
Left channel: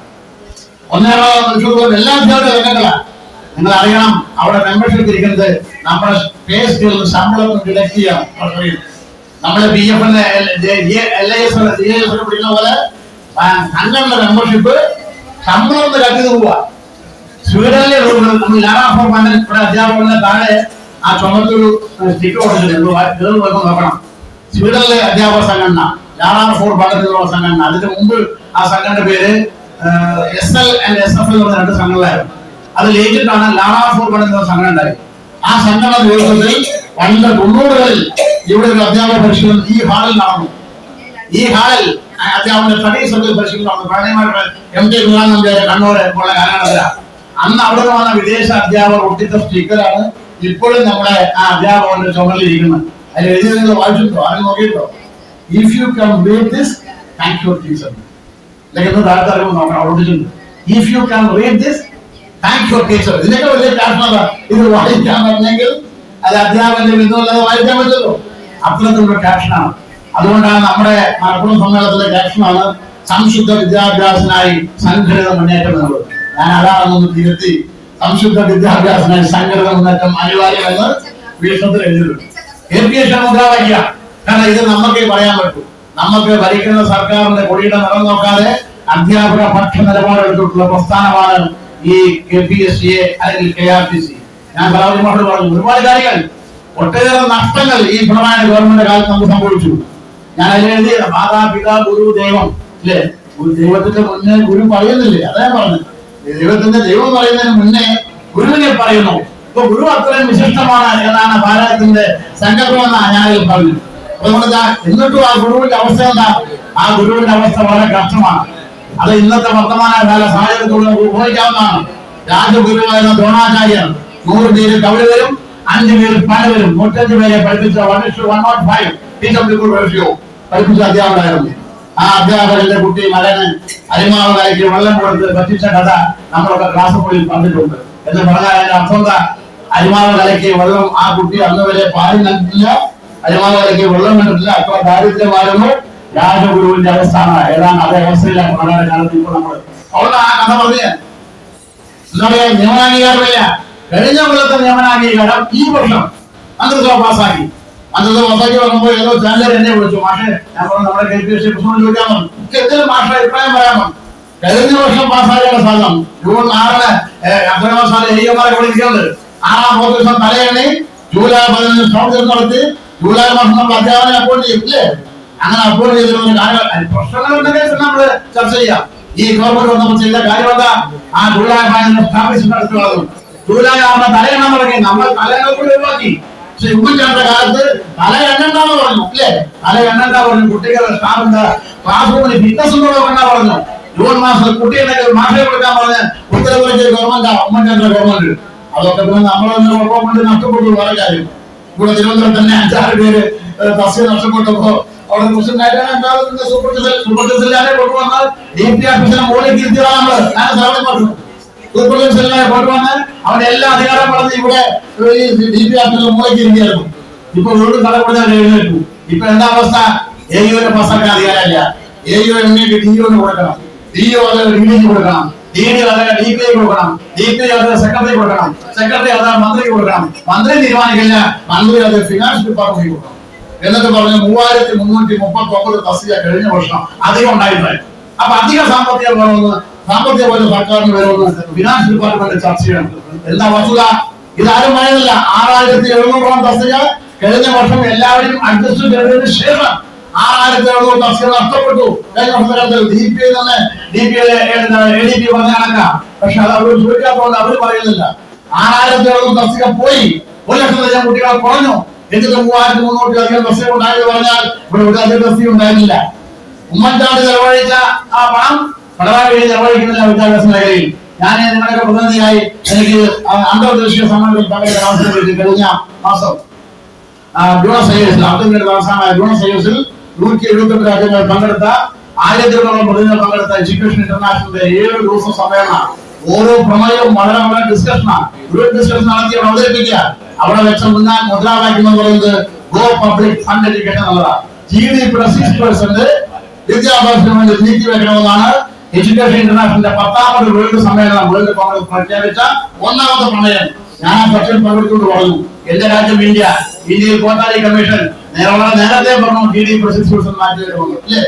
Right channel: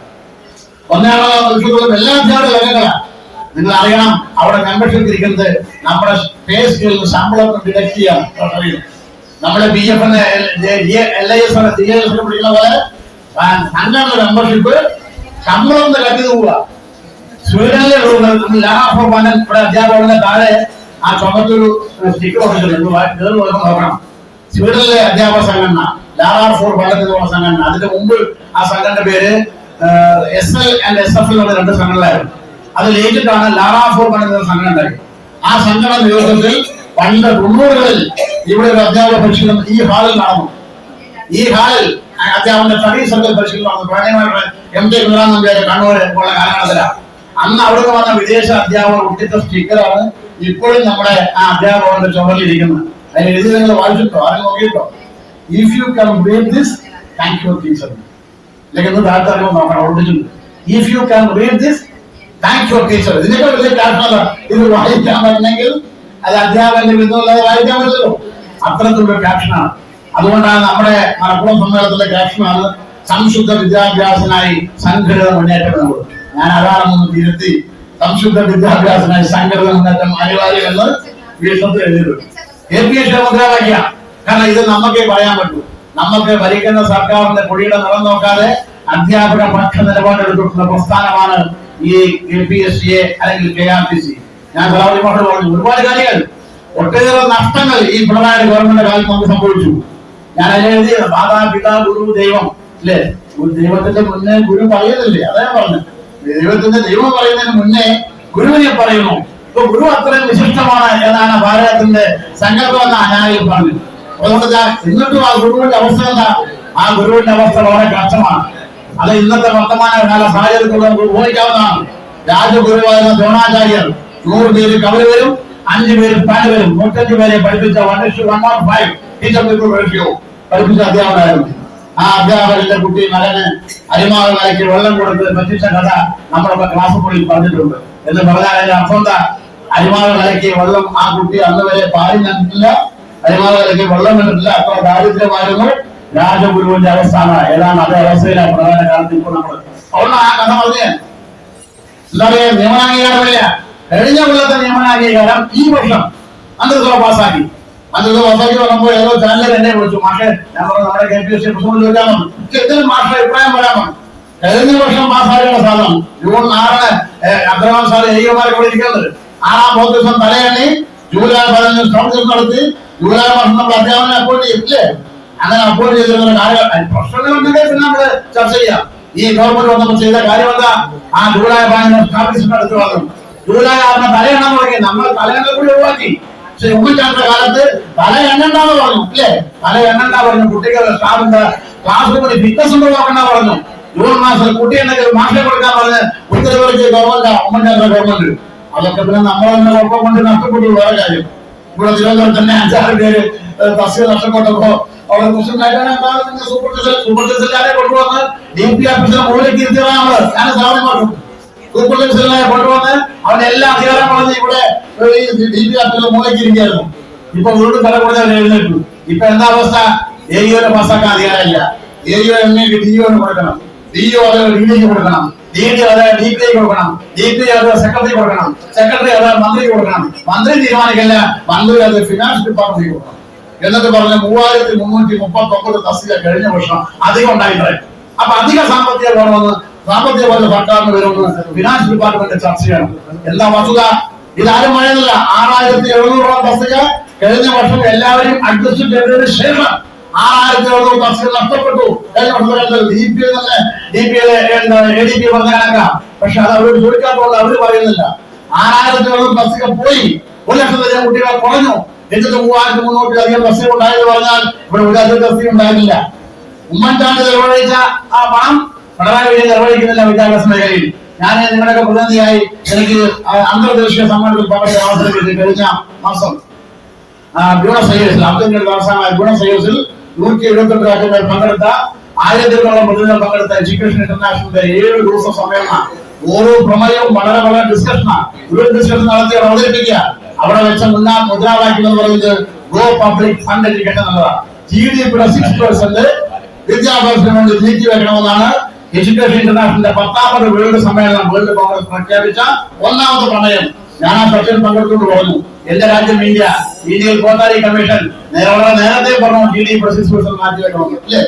ഒന്നാം എല്ലാ അധ്യാപകരുടെ രംഗങ്ങളാണ്. നിങ്ങൾ അറിയണം, അവിടെ മെമ്പർഷിപ്പ് ഇരിക്കുന്നത് നമ്മുടെ പേ സ്കെയിൽ ശമ്പളം ഡിഡക്ട് ചെയ്യാം. നമ്മുടെ PF LIS പിടിക്കുന്ന പോലെ സംഘടന മെമ്പർഷിപ്പ് ശമ്പളം കട്ടി പോവുക. സ്വീഡനിലെ ഇവിടെ അധ്യാപകരുടെ താഴെ ആ ചുമത്തൊരു സ്റ്റിക്കർ കൊടുത്തിട്ടുണ്ട്, നോക്കണം. സ്വീഡനിലെ അധ്യാപക സംഘടന ലാറാഫോർ പഠനത്തിലുള്ള സംഘടന. അതിന്റെ മുമ്പ് ആ സംഘടന പേര് SL and SFL എന്നുള്ള 2 സംഘടനകളായിരുന്നു. അത് ലയിച്ചിട്ടാണ് ലാറാഫോർ പഠനത്തിലുള്ള സംഘടന ഉണ്ടായി. ആ സംഘടന നേതൃത്വത്തിൽ പണ്ട് 90കളിൽ ഇവിടെ ഒരു അധ്യാപക പരിശീലനം ഈ ഹാളിൽ നടന്നു. ഈ ഹാളിൽ അധ്യാപകന്റെ സ്റ്റഡി സർക്കിൾ പരിശീലനം നടന്നു. പ്രണയമായിട്ട് MK ഗുരുവാൻ നമ്പ്യാരെ കണ്ണൂര് ഉള്ള കാലഘട്ടത്തിലാണ്. അന്ന് അവിടെ നിന്ന് വന്ന വിദേശ അധ്യാപകർ ഒട്ടിച്ച സ്റ്റിക്കറാണ് ഇപ്പോഴും നമ്മുടെ ആ അധ്യാപകന്റെ ചുമലിരിക്കുന്നത്. അതിൽ എഴുതി നിങ്ങൾ വായിച്ചിട്ടോ ആരും നോക്കിയിട്ടോ? If you can read this thank you teacher. If you can read this thank you teacher. ഇതിനൊക്കെ വലിയ ക്ലാസ് ഇത് വായിക്കാൻ പറ്റില്ലെങ്കിൽ അത് അധ്യാപകന്റെ ബിന്ദുവല്ലാതെ വായിക്കാൻ പറ്റില്ലല്ലോ. അത്തരത്തിലുള്ള ക്യാപ്ഷനാണ്. അതുകൊണ്ടാണ് നമ്മുടെ മലപ്പുറം സമ്മേളനത്തിലെ ക്യാപ്ഷനാണ് സംശുദ്ധ വിദ്യാഭ്യാസത്തിനായി സംഘടിത മുന്നേറ്റം എന്നുള്ളത്. ഞാൻ അതാണെന്ന് തിരുത്തി സംശുദ്ധ വിദ്യാഭ്യാസത്തിനായി സംഘടിത മുന്നേറ്റം അനിവാര്യമെന്ന് വീക്ഷണത്തിൽ എഴുതിയിട്ടുണ്ട്. KPSC മുദ്രാവാക്യ. കാരണം ഇത് നമുക്കേ പറയാൻ പറ്റൂ. നമുക്ക് ഭരിക്കുന്ന സർക്കാരിന്റെ കൊടിയുടെ നിറം നോക്കാതെ അധ്യാപക പക്ഷ നിലപാടെടുത്തിട്ടുള്ള പ്രസ്ഥാനമാണ് ഈ KPSC അല്ലെങ്കിൽ KRTC. ഞാൻ പറഞ്ഞു ഒരുപാട് കാര്യങ്ങൾ, ഒട്ടേറെ നഷ്ടങ്ങൾ ഈ പിണറായി ഗവൺമെന്റ് കാലത്ത് നമുക്ക് സംഭവിച്ചു. ഞാൻ എഴുതിയ മാതാപിതാ ഗുരു ദൈവം അല്ലേ? ദൈവത്തിന്റെ മുന്നേ ഗുരു പറയുന്നില്ലേ? അതാ ഞാൻ പറഞ്ഞത്. ദൈവം പറയുന്നതിന് മുന്നേ ഗുരുവിനെ പറയുന്നു. ഇപ്പൊ ഗുരു അത്രയും വിശിഷ്ടമാണ് എന്നാണ് ഭാരതത്തിന്റെ സങ്കല്പമെന്ന് ഞാൻ പറഞ്ഞു. അതുകൊണ്ട് എന്നിട്ടും ആ ഗുരുവിന്റെ അവസ്ഥ എന്താ? ആ ഗുരുവിന്റെ അവസ്ഥ വളരെ കഷ്ടമാണ്. അത് ഇന്നത്തെ വർത്തമാന കാല സാഹചര്യത്തോടെ ഉപയോഗിക്കാവുന്നതാണ്. രാജഗുരുവായിരുന്ന ദ്രോണാചാര്യർ 100 പേര് കവര് വരും, 5 പേര് പാല് വരും, 105 പേരെ പഠിപ്പിച്ച 1:105 ടീച്ചർ പഠിപ്പിച്ച അധ്യാപകരായിരുന്നു. ആ അധ്യാപകരുടെ കുട്ടി മകന് അരിമാവ് കലയ്ക്ക് വെള്ളം കൊടുത്ത് പറ്റിച്ച കഥ നമ്മളൊക്കെ ക്ലാസ് മുറിയിൽ പറഞ്ഞിട്ടുണ്ട്. എന്ന് പറഞ്ഞാൽ അതിന്റെ അർത്ഥം എന്താ? അരിമാവ് കലയ്ക്ക് വെള്ളം ആ കുട്ടി അന്ന് വരെ പാലും കണ്ടിട്ടില്ല, അരിമാവ് കലയ്ക്ക് വെള്ളം കണ്ടിട്ടില്ല. അത്ര ദാരിദ്ര്യമായിരുന്നു രാജഗുരുവിന്റെ അവസ്ഥ. ഏതാണ്ട് അതേ അവസ്ഥയിലാണ് പ്രധാന കാലത്ത് ഇപ്പോൾ നമ്മൾ. അതുകൊണ്ട് ആ കഥ പറഞ്ഞ എന്താ പറയാ, നിയമനാംഗീകാരമില്ല. കഴിഞ്ഞ കൊല്ലത്തെ നിയമനാംഗീകാരം ഈ വർഷം മന്ത്രിസഭ പാസ്സാക്കി. മന്ത്രിസഭ പാസ്സാക്കി പറയുമ്പോൾ ഏതോ ചാനലിൽ എന്നെ വിളിച്ചു, മാഷെ ഞാൻ പറഞ്ഞു നമ്മുടെ KPSC പ്രസിഡന്റ് ചോദിക്കാമോ, എന്തെങ്കിലും മാഷ അഭിപ്രായം പറയാമോ? കഴിഞ്ഞ വർഷം പാസ്സാക്കേണ്ട സാധനം ജൂൺ 6 അബ്ദുറഹ്മാൻ സാറ് EOമാരെ വിളിക്കുന്നത് 6-ാം ദിവസം തലയെണ്ണി ജൂലൈ 15 സ്റ്റോപ്പ് നടത്തി ജൂലൈ മാസം നമ്മൾ അധ്യാപകനെ അപ്പോയിന്റ് ചെയ്യില്ലേ? അങ്ങനെ അപ്പോയിന്റ് ചെയ്തിരുന്ന പ്രശ്നങ്ങളുണ്ടെങ്കിൽ നമ്മള് ചർച്ച ചെയ്യാം. ഈ ഗവൺമെന്റ് വന്നപ്പോൾ ചെയ്ത കാര്യം എന്താ? ആ ജൂലൈ 15 സ്ഥാപിച്ചിട്ട് അടുത്ത് പറഞ്ഞു. ജൂലൈ 6 തലയെണ്ണ തുടങ്ങി. നമ്മൾ തലയെണ്ണ കൂടി ഒഴിവാക്കി. പക്ഷെ ഉമ്മൻചാണ്ടിയുടെ കാലത്ത് തല എണ്ണണ്ടാന്ന് പറഞ്ഞു ഇല്ലേ? തല എണ്ണണ്ട പറഞ്ഞു. കുട്ടികൾ സ്റ്റാഫിന്റെ ക്ലാസ് റൂമിൽ ഫിറ്റ്നസ് ഉണ്ടോന്നാ പറഞ്ഞു. ജൂൺ മാസത്തിൽ കുട്ടിയുണ്ടെങ്കിൽ മാഷെ കൊടുക്കാൻ പറഞ്ഞ് ഉത്തരവിലേക്ക് ഗവൺമെന്റ് ഉമ്മൻചാണ്ടിയുടെ ഗവൺമെന്റ്. അതൊക്കെ പിന്നെ നമ്മളെ തന്നെ ഗവൺമെന്റ് നഷ്ടപ്പെട്ടു. വേറെ കാര്യം, ഇവിടെ തിരുവനന്തപുരത്ത് തന്നെ 5-6 പേര് തസ്തിക നഷ്ടപ്പെട്ടപ്പോ അവിടെ പ്രസിഡന്റായിട്ടാണ് സൂപ്പർ ജില്ലാരെ കൊണ്ടുവന്ന് DP ഓഫീസിനെ മൂലക്കിരുത്തിയതാണ്. ഞാൻ സാധനം പറഞ്ഞു കൊണ്ടുവന്ന് അവന്റെ എല്ലാ അധികാരം വളർന്ന് ഇവിടെ മൂലയ്ക്ക് ഇരിക്കുകയായിരുന്നു. ഇപ്പൊ വീണ്ടും തലമുറ എഴുന്നേറ്റു. ഇപ്പൊ എന്താ അവസ്ഥ? AEO പാസ്സാക്കാൻ അധികാരമില്ല. AEO എണ്ണയ്ക്ക് DEO കൊടുക്കണം, DEO അത് DDക്ക് കൊടുക്കണം, DD അത് DPI കൊടുക്കണം, DPI അത് സെക്രട്ടറി കൊടുക്കണം, സെക്രട്ടറി അത് മന്ത്രിക്ക് കൊടുക്കണം, മന്ത്രി തീരുമാനിക്കില്ല, മന്ത്രി അത് ഫിനാൻസ് ഡിപ്പാർട്ട്മെന്റ് കൊടുക്കണം. എന്നിട്ട് പറഞ്ഞ് 3339 തസ്തിക കഴിഞ്ഞ വർഷം അധികം ഉണ്ടായിട്ടുണ്ട്. അപ്പൊ അധിക സാമ്പത്തിക വേണമെന്ന് സാമ്പത്തിക സർക്കാരിന് വരുമെന്ന് ഫിനാൻസ് ഡിപ്പാർട്ട്മെന്റ് ചർച്ച ചെയ്യണം. എന്താ വസ്തുത? ഇതാരും പറയുന്നില്ല. 6700 തസ്തിക കഴിഞ്ഞ വർഷം എല്ലാവരെയും അഡ്ജസ്റ്റ് ചെയ്തതിന് ശേഷം 6700 തസ്തിക നഷ്ടപ്പെട്ടു. കഴിഞ്ഞ വർഷത്തിൽ ADP പറഞ്ഞ കണക്കാം. പക്ഷെ അത് അവർ ചോദിക്കാത്തതുകൊണ്ട് അവർ പറയുന്നില്ല. 6700 തസ്തിക പോയി. 1,00,000 കുട്ടികൾ കുറഞ്ഞു. എന്നിട്ട് 3300 തസ്തിക ഉണ്ടായെന്ന് പറഞ്ഞാൽ ഇവിടെ ഒരു അധിക തസ്തിക ഉണ്ടായിരുന്നില്ല. ഉമ്മൻചാണ്ടി ചെലവഴിച്ച ആ പണം പിണറായി വിജയൻ ചെലവഴിക്കുന്നില്ല വിദ്യാഭ്യാസ മേഖലയിൽ. ഞാൻ നിങ്ങളുടെയൊക്കെ പ്രതിനിധിയായി എനിക്ക് അന്തർദേശീയ സമ്മേളനത്തിൽ പങ്കെടുക്കാൻ അവസരം കിട്ടി. കഴിഞ്ഞ മാസം ബ്യൂണസ് ഐറിസിൽ അബ്ദുൽ തലസ്ഥാനമായ ബ്യൂണസ് ഐറിസിൽ 172 രാജ്യങ്ങൾ പങ്കെടുത്ത 1000-ഓളം പ്രതിനിധികൾ പങ്കെടുത്ത എഡ്യൂക്കേഷൻ ഇന്റർനാഷണലിന്റെ 7 ദിവസ സമ്മേളനം. ഓരോ പ്രമേയവും വളരെ വളരെ ഡിസ്കഷനാണ്. ഗ്രൂപ്പ് ഡിസ്കഷൻ നടത്തി അവിടെ അവതരിപ്പിക്കുക. അവിടെ വെച്ച മുദ്രാവാക്യം എന്ന് പറയുന്നത് ഗോ പബ്ലിക് ഫണ്ട് എഡ്യൂക്കേഷൻ എന്നുള്ളതാണ്. GDP-യുടെ 6% വിദ്യാഭ്യാസത്തിന് വേണ്ടി നീക്കി വെക്കണമെന്നാണ് എഡ്യൂക്കേഷൻ ഇന്റർനാഷണലിന്റെ 10ാമത് വേൾഡ് സമ്മേളനം വേൾഡ് കോൺഗ്രസ് പ്രഖ്യാപിച്ച 1ാമത്തെ പ്രമേയം. ഞാൻ ആ ചർച്ചയിൽ പങ്കെടുത്തുകൊണ്ട് പറഞ്ഞു, എന്റെ രാജ്യം ഇന്ത്യയിൽ കോത്താരി കമ്മീഷൻ നേരത്തെ പറഞ്ഞു GDP 6% മാറ്റി വെക്കണമെന്ന്. ഇല്ലേ?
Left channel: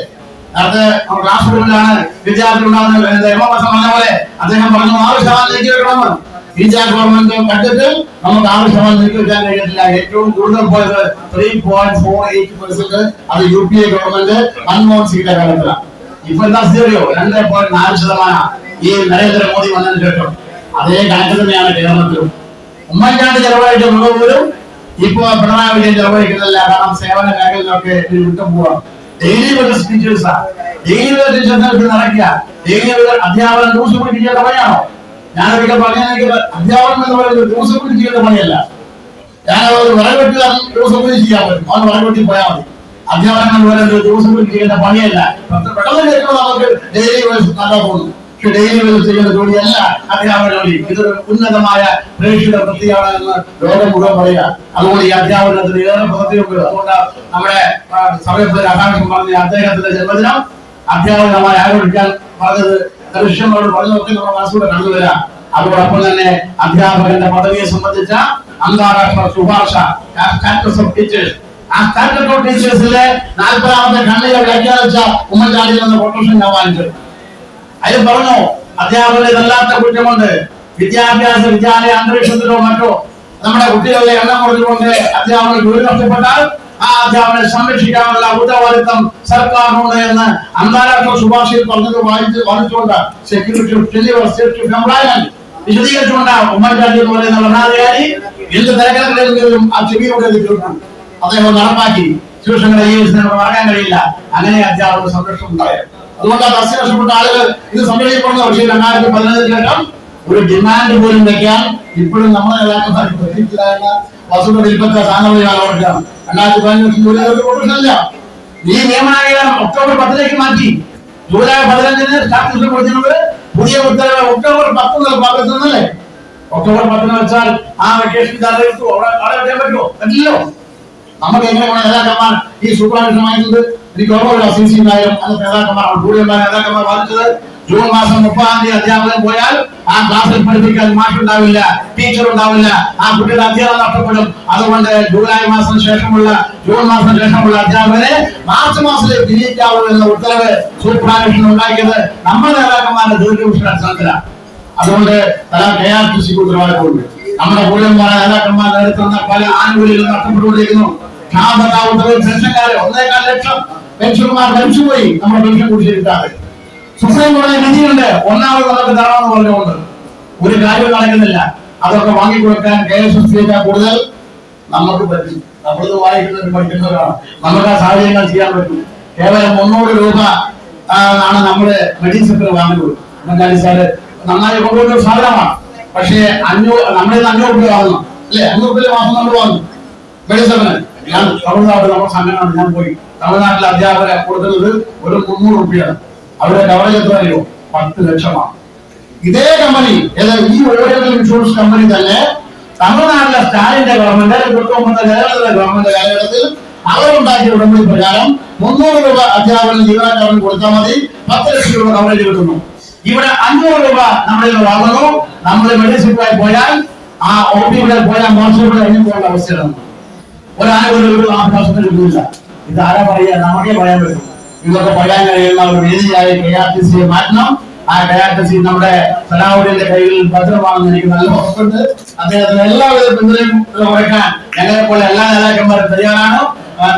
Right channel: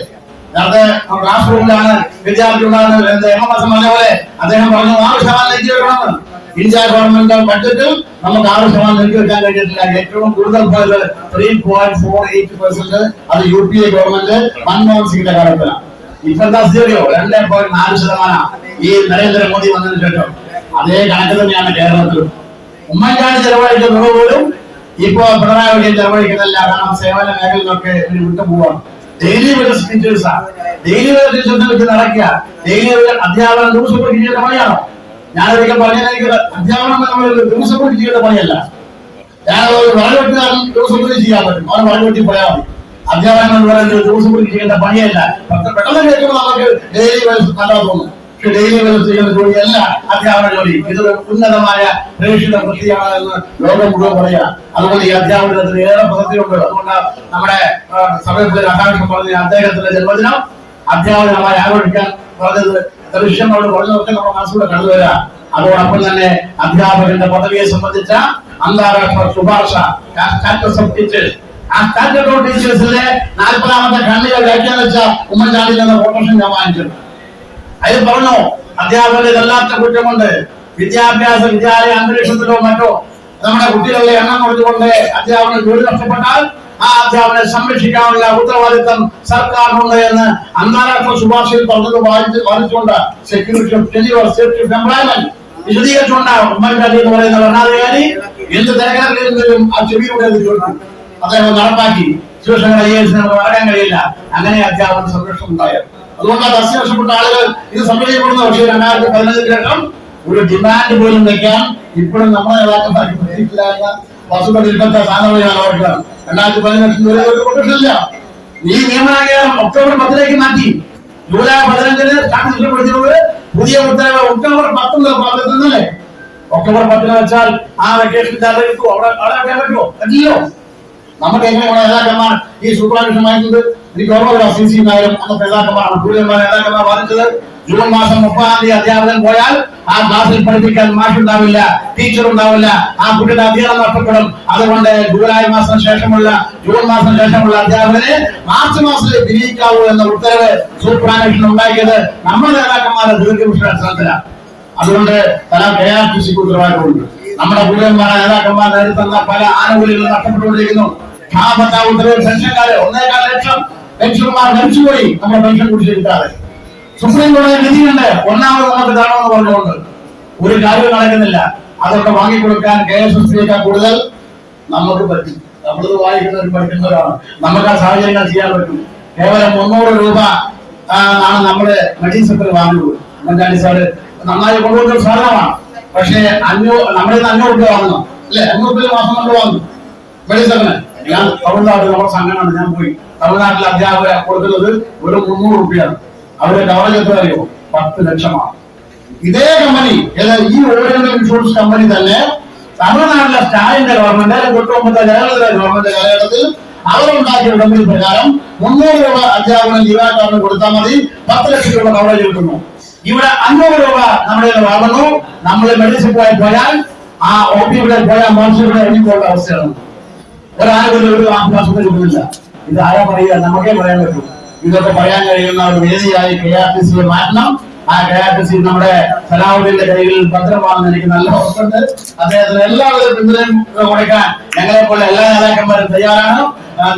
നേരത്തെ രാഷ്ട്രീയത്തിലാണ് വിദ്യാർത്ഥി ഉണ്ടാകുന്ന MMS പറഞ്ഞ പോലെ അദ്ദേഹം പറഞ്ഞു 6% നീക്കി വെക്കണമെന്ന്. ഇന്ത്യ ഗവൺമെന്റ് ബഡ്ജറ്റിൽ നമുക്ക് 6% നീക്കി വെക്കാൻ കഴിഞ്ഞിട്ടില്ല. ഏറ്റവും കൂടുതൽ പോയത് 3.48%. അത് UPA ഗവൺമെന്റ് മൻമോഹൻ സിംഗിന്റെ കാലത്തിലാണ്. ഇപ്പൊ എന്താ സ്ഥിതിയോ? 2.4% ഈ നരേന്ദ്രമോദി വന്നതിന് ശേഷം. അതേ കണക്ക് തന്നെയാണ് കേരളത്തിലും. ഉമ്മൻചാണ്ടി ചെലവഴിച്ച തുക പോലും ഇപ്പോ പിണറായി വിജയൻ ചെലവഴിക്കുന്നില്ല. കാരണം സേവന മേഖലയിലൊക്കെ വിട്ടുപോവാണ്. ഡെയിലി വേജസ് ടീച്ചേഴ്സാണ്. ഡെയിലി വേജസ് ടീച്ചേഴ്സിന് നടക്കുക. ഡെയിലി അധ്യാപനം ദിവസം കൂടി ചെയ്യേണ്ട പണിയാണോ? ഞാനൊരിക്കൽ പറഞ്ഞാൽ എനിക്ക് അധ്യാപനം എന്ന് പറയുന്നത് ദിവസം കൂടി ചെയ്യേണ്ട പണിയല്ല. ഞാൻ ഒരു വളവെട്ടുകാരൻ ദിവസം കൂടി ചെയ്യാൻ പറ്റും. അവൻ വളവെട്ടി പോയാൽ മതി. അധ്യാപനം എന്ന് പറയുന്നത് ദിവസം കൂടി ചെയ്യേണ്ട പണിയല്ല. പെട്ടെന്ന് കേൾക്കുമ്പോൾ നമുക്ക് ഡെയിലി വേജസ് നല്ലതാ തോന്നും. പക്ഷെ ഡെയിലി വേജസ് ചെയ്യുന്ന ജോലിയല്ല അധ്യാപന ജോലി. ഇതൊരു ഉന്നതമായ പ്രേക്ഷിത വൃത്തിയാണ് എന്ന് ലോകം മുഴുവൻ പറയാ. അതുകൊണ്ട് ഈ അധ്യാപനത്തിന് ഏറെ പ്രസക്തിയുണ്ട്. അതുകൊണ്ട് നമ്മുടെ സമയത്ത് രാധാകൃഷ്ണൻ പറഞ്ഞ അദ്ദേഹത്തിന്റെ ജന്മദിനം അധ്യാപകമായി ആഘോഷിക്കാൻ പറഞ്ഞത് ദൃശ്യങ്ങളോട് പറഞ്ഞതൊക്കെ നമ്മുടെ മനസ്സിലൂടെ കടന്നുവരാം. അതോടൊപ്പം തന്നെ അധ്യാപകന്റെ പദവിയെ സംബന്ധിച്ച അന്താരാഷ്ട്ര ശുപാർശ സ്റ്റാറ്റസ് ഓഫ് ടീച്ചേഴ്സ്, ആ സ്റ്റാറ്റസ് ഓഫ് ടീച്ചേഴ്സിലെ 40ാമത്തെ ഖണ്ഡിക വ്യാഖ്യാനിച്ച ഉമ്മൻചാണ്ടി എന്ന കൊട്ടേഷൻ ഞാൻ വാങ്ങിച്ചു. അതിൽ പറഞ്ഞു അധ്യാപകരെ ഇതല്ലാത്ത കുറ്റമുണ്ട്. വിദ്യാലയ അന്തരീക്ഷത്തിലോ മറ്റോ നമ്മുടെ കുട്ടികളുടെ എണ്ണം കുറഞ്ഞുകൊണ്ട് അധ്യാപകർ ജോലി നഷ്ടപ്പെട്ടാൽ ആ അധ്യാപകരെ സംരക്ഷിക്കാനുള്ള ഉത്തരവാദിത്വം സർക്കാരിനുണ്ട് എന്ന് അന്താരാഷ്ട്ര ശുപാർശയിൽ പറഞ്ഞത് വാദിച്ചുകൊണ്ട് security of ടെലിവർ safety of employment വിശദീകരിച്ചുകൊണ്ട് ഉമ്മൻചാണ്ടി എന്ന് പറയുന്ന ഭരണാധികാരി എന്ത് തിരക്കഥകളും ആ ചെവിയിലൂടെ എത്തിച്ചുകൊണ്ടാണ് അദ്ദേഹം നടപ്പാക്കി. ശിവശങ്കർ IAS നടക്കാൻ കഴിയില്ല. അങ്ങനെ അധ്യാപക സംരക്ഷണം ഉണ്ടായത്. അതുകൊണ്ട് ആ ബസ് നഷ്ടപ്പെട്ട ആളുകൾ ഇത് സംരക്ഷിക്കപ്പെടുന്ന. പക്ഷേ 2015 ശേഷം ഒരു ഡിമാൻഡ് പോലും വെക്കാൻ ഇപ്പോഴും നമ്മുടെ നേതാക്കന്മാർക്ക് പ്രതീക്ഷിച്ചില്ല. വസുത വിൽപ്പറ്റ സ്ഥാനമാണ് ഓർക്കണം. 2015 പ്രൊട്ടക്ഷനില്ല. ഈ നിയമനായകം ഒക്ടോബർ 10 മാറ്റി. ജൂലൈ 15 സ്റ്റാറ്റസ് പുതിയ ഉത്തരവ് ഒക്ടോബർ 10 നടപ്പാക്കുന്നല്ലേ? ഒക്ടോബർ 10 വെച്ചാൽ ആ വെക്കേഷൻ അവിടെ പറ്റുമോ? പറ്റില്ലോ. നമുക്ക് എങ്ങനെയാണ് നേതാക്കന്മാർ ഈ സൂപ്പർവിഷൻ വാങ്ങിക്കുന്നത്? എനിക്ക് ഓർമ്മ CC നായരും അന്നത്തെ നേതാക്കന്മാരാണ് കൂടുതൽ നേതാക്കന്മാർ വാദിച്ചത്. ജൂൺ മാസം 30-ാം തീയതി അധ്യാപകൻ പോയാൽ ആ ക്ലാസ്സിൽ പഠിപ്പിക്കാൻ മാഷുണ്ടാവില്ല, ടീച്ചർ ഉണ്ടാവില്ല, ആ കുട്ടിയുടെ അധ്യാപനം നഷ്ടപ്പെടും. അതുകൊണ്ട് ജൂൺ മാസം ശേഷമുള്ള അധ്യാപകനെ മാർച്ച് മാസത്തിൽ തിരിക്കാവുള്ളൂ എന്ന ഉത്തരവ് സൂപ്പർവിഷൻ ഉണ്ടാക്കിയത് നമ്മുടെ നേതാക്കന്മാരുടെ ദീർഘവിഷയ അടിസ്ഥാനത്തിലാണ്. അതുകൊണ്ട് KRTCക്ക് ഉത്തരവാദിത്തമുണ്ട്. നമ്മുടെ കൂടുതൽമാരായ നേതാക്കന്മാർ നേരിടുന്ന പല ആനുകൂല്യങ്ങളും നഷ്ടപ്പെട്ടുകൊണ്ടിരിക്കുന്നു. ഉത്തരവ് പെൻഷൻകാര് 1.25 ലക്ഷം പെൻഷൻമാർ മരിച്ചുപോയി. നമ്മുടെ പെൻഷൻ കുടിശ്ശിരിക്കാതെ സുപ്രീം കോടതി വിധിയുണ്ട്. 1ാമത് നമുക്ക് തരണമെന്ന് പറഞ്ഞുകൊണ്ട് ഒരു കാര്യം നടക്കുന്നില്ല. അതൊക്കെ വാങ്ങിക്കൊടുക്കാൻ KSSB കൂടുതൽ നമുക്ക് പറ്റും. നമ്മളത് വായിക്കുന്നവരും പഠിക്കുന്നവരാണ്. നമുക്ക് ആ സാഹചര്യങ്ങൾ ചെയ്യാൻ പറ്റും. കേവലം 300 രൂപ ആണ് നമ്മുടെ മെഡിസിൻ വാങ്ങുന്നത്. ഉമ്മൻചാണ്ടി സാറ് നന്നായി കൊണ്ടുവന്ന സാധനമാണ്. പക്ഷേ നമ്മുടെ 500 രൂപ വാങ്ങുന്നു അല്ലെ? 500 രൂപ മാസം നമ്മൾ വാങ്ങും മെഡിസിന്. ഞാൻ തമിഴ്നാട്ടിൽ നമ്മുടെ സംഘടന ഞാൻ പോയി. തമിഴ്നാട്ടിലെ അധ്യാപകരെ കൊടുക്കുന്നത് ഒരു 300 രൂപയാണ്. അവരുടെ കവറേജ് എത്ര അറിയോ? 10 ലക്ഷമാണ്. ഇതേ കമ്പനി ഈ ഓറിയന്റൽ ഇൻഷുറൻസ് കമ്പനി തന്നെ തമിഴ്നാട്ടിലെ സ്റ്റാലിന്റെ ഗവൺമെന്റ് 19 ജയലളിത ഗവൺമെന്റ് കാലഘട്ടത്തിൽ അവരുണ്ടാക്കിയ ഉടമ്പടി പ്രകാരം 300 രൂപ അധ്യാപനം ജീവനക്കാരന് കൊടുത്താൽ മതി 10 ലക്ഷം രൂപ കവറേജ് കിട്ടുന്നു. ഇവിടെ 500 രൂപ നമ്മുടെ വാങ്ങുന്നു. നമ്മൾ മെഡിസിൻ പോയാൽ ആ OP-യുടെ പോയാൽ മോശയുടെ എണ്ണിപ്പോഴുള്ള അവസ്ഥയാണ്. ഒരാളും ഒരു ആശ്വാസത്തിൽ കിട്ടുന്നില്ല. ഇത് ആരാ പറയുക? നമുക്കേ പറയാൻ പറ്റും. ഇതൊക്കെ പറയാൻ കഴിയുന്ന ഒരു വേദിയായി KRTC മാറ്റണം. ആ KRTC നമ്മുടെ സലാഹുദ്ദീന്റെ കയ്യിൽ ഭദ്രമാണെന്ന് എനിക്ക് നല്ല ഉറപ്പുണ്ട്. അദ്ദേഹത്തിന് എല്ലാവിധ പിന്തുണയും കൊടുക്കാൻ ഞങ്ങളെ പോലെ എല്ലാ നേതാക്കന്മാരും തയ്യാറാണ്.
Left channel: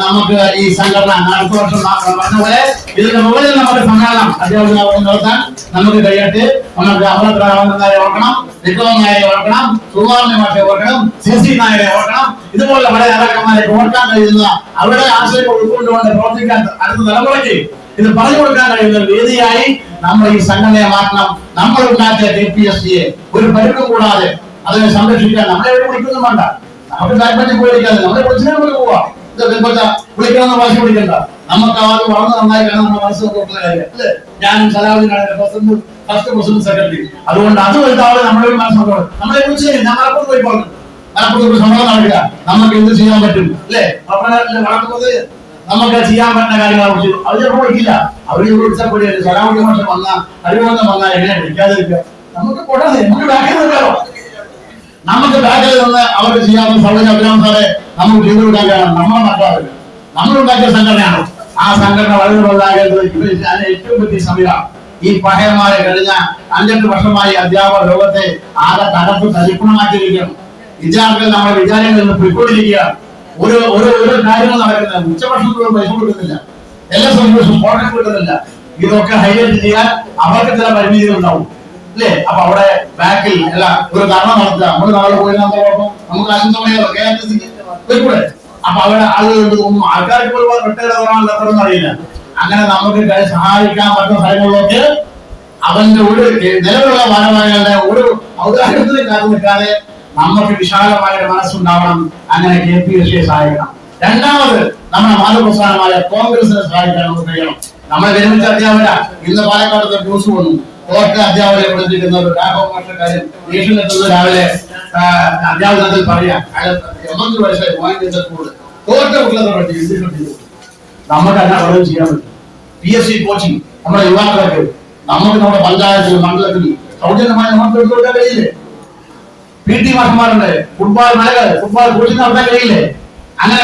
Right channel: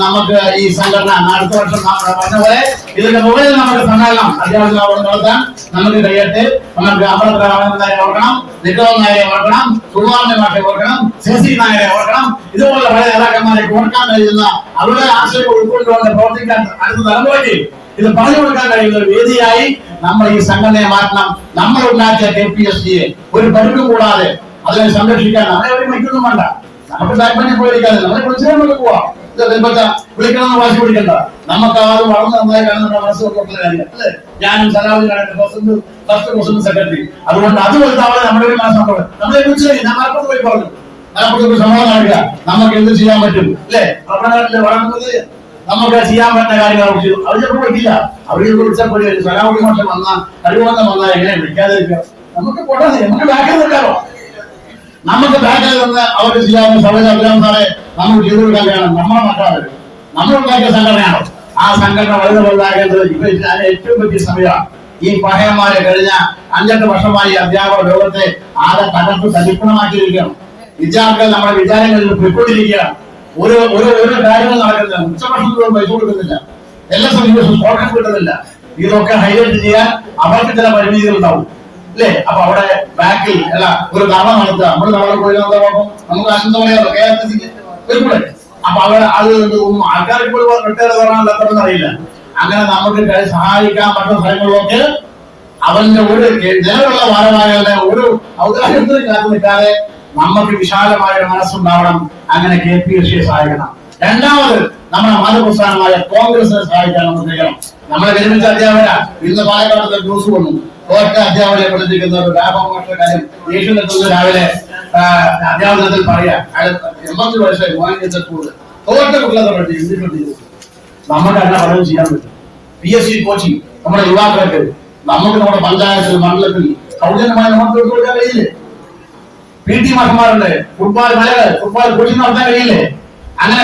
നമുക്ക് ഈ സംഘടന അടുത്ത വർഷം പറഞ്ഞ പോലെ ഇതിന്റെ മുകളിൽ നമ്മുടെ സമ്മേളനം അധ്യാപകർ നടത്താൻ നമുക്ക് കഴിയട്ടെ. നമുക്ക് അമൃതനാരെ ഓർക്കണം, നിക്കം നായരെ ഓർക്കണം, സുകുമാരനെ മാഷെ ഓർക്കണം, CC നായരെ ഓർക്കണം. ഇതുപോലെ പല നേതാക്കന്മാരെ ഓർക്കാൻ കഴിയുന്ന അവരുടെ ആശയം ഉൾക്കൊണ്ടുകൊണ്ട് പ്രവർത്തിക്കാൻ അടുത്ത തലമുറയ്ക്ക് ഇത് പറഞ്ഞു കൊടുക്കാൻ കഴിയുന്ന ഒരു വേദിയായി നമ്മൾ ഈ സംഘടനയെ മാറ്റണം. നമ്മൾ ഉണ്ടാക്കിയ KPSCയെ ഒരു പരിക്കും കൂടാതെ അതിനെ സംരക്ഷിക്കാൻ നമ്മളെ ഒരു വിളിക്കൊന്നും വേണ്ട. നമുക്ക് താല്പര്യം പോയിരിക്കാതെ നമ്മളെ വിളിച്ചാൽ പോവാ. വിളിക്കണമെന്ന് മനസ്സിൽ വിളിക്കണ്ട. നമുക്ക് അത് വളർന്ന് നന്നായി കാണാൻ നമ്മുടെ മനസ്സ് കൊടുക്കുന്ന കാര്യം അല്ലേ? ഞാനും സലാഹുദ്ദീനാണ് ഫസ്റ്റ് പ്രസിഡന്റ് സെക്രട്ടറി. അതുകൊണ്ട് അത് വലുതാവെ നമ്മുടെ ഒരു മനസ്സോട് നമ്മളെ വിളിച്ചു. ഞാൻ മലപ്പുറത്ത് പോയി പറഞ്ഞു, മലപ്പുറത്ത് സംഭവം നടക്കുക, നമുക്ക് എന്ത് ചെയ്യാൻ പറ്റും അല്ലേ? പപ്പനാട്ടില് വളർന്നത് നമുക്ക് ചെയ്യാൻ പറ്റുന്ന കാര്യങ്ങളെ കുറിച്ച് അവർ ചിലപ്പോൾ വിളിക്കില്ല. അവർ വിളിച്ചപ്പോൾ സലാഹുദ്ദീൻ മാഷ് വന്നാൽ കഴിവുന്ന വന്നാൽ എങ്ങനെ വിളിക്കാതിരിക്കുക? നമുക്ക് പോട്ടെ, നമുക്ക് ബാക്കിൽ നിൽക്കാറോ? നമുക്ക് ബാക്കിൽ നിന്ന് അവർക്ക് ചെയ്യാവുന്ന സൗകര്യം അഭിരാം സാറെ നമുക്ക് ചെയ്തു കൊടുക്കാൻ വേണം. നമ്മളെ മാറ്റാതെ നമ്മളുണ്ടാക്കിയ സംഘടനയാണ്. ആ സംഘടന വളർന്നുണ്ടാകേണ്ടത് ഇപ്പൊ ഏറ്റവും വലിയ സമയമാണ്. ഈ പഹയന്മാരെ കഴിഞ്ഞ 5-8 വർഷമായി അധ്യാപക ലോകത്തെ ആകെ തകർത്ത് തരിപ്പണമാക്കിയിരിക്കുകയാണ്. വിദ്യാർത്ഥികൾ നമ്മുടെ വിദ്യാലയങ്ങളിൽ പോയിക്കൊണ്ടിരിക്കുകയാണ്. ഒരു കാര്യങ്ങൾ നടക്കുന്നില്ല. ഉച്ചഭക്ഷണത്തിലും പൈസ കൊടുക്കുന്നില്ല, എല്ലാ സമയത്തും സ്പോർട്സ് കിട്ടുന്നില്ല. ഇതൊക്കെ ഹൈലൈറ്റ് ചെയ്യാൻ അവർക്ക് ചില പരിമിതികൾ ഉണ്ടാവും അല്ലേ? അപ്പൊ അവിടെ ബാക്കിൽ അല്ല ഒരു ധർമ്മ നടത്തുക. നമ്മൾ നാളെ പോയി നമുക്ക് ആശംസ പറയാമല്ലോ KRTC. അപ്പൊ അവിടെ ആൾക്കാർക്ക് റിട്ടയർഡ് തരാൻ അറിയില്ല. അങ്ങനെ നമുക്ക് സഹായിക്കാൻ പറ്റുന്ന സ്ഥലങ്ങളിലൊക്കെ അവന്റെ ഒരു നിലവിലുള്ള ഭാരവാഹികളുടെ ഒരു ഔദാര്യത്തിന് കാത്തു നിൽക്കാതെ നമുക്ക് വിശാലമായ ഒരു മനസ്സുണ്ടാവണം. അങ്ങനെ KPSCയെ സഹായിക്കണം. രണ്ടാമത് നമ്മുടെ മാതൃപ്രസ്ഥാനമായ കോൺഗ്രസിനെ സഹായിക്കാൻ നമുക്ക് കഴിയണം. നമ്മളെ വിരമിച്ച അധ്യാപക ഇന്ന് പാലക്കാട് ന്യൂസ് വന്നു. തോറ്റ അധ്യാപകരെ പഠിപ്പിക്കുന്ന ഒരു രാഘവമാരുടെ കാര്യം ഏഷ്യനെത്തുന്ന രാവിലെ അധ്യാപനത്തിൽ പറയാം. 80 വയസ്സായി മോഹൻജസ്കൂള് തോറ്റ കുട്ടികളെ പഠിപ്പിച്ചു. നമുക്ക് അങ്ങനെ പലതും ചെയ്യാൻ പറ്റും. PSC കോച്ചിങ് നമ്മുടെ യുവാക്കൾക്ക് നമുക്ക് നമ്മുടെ പഞ്ചായത്തിൽ മണ്ഡലത്തിൽ സൗജന്യമായി നമുക്ക് എടുത്തു കൊടുക്കാൻ കഴിയില്ലേ? PT മാഷന്മാരുണ്ട്, ഫുട്ബോൾ കോച്ചിങ് നടത്താൻ കഴിയില്ലേ? അങ്ങനെ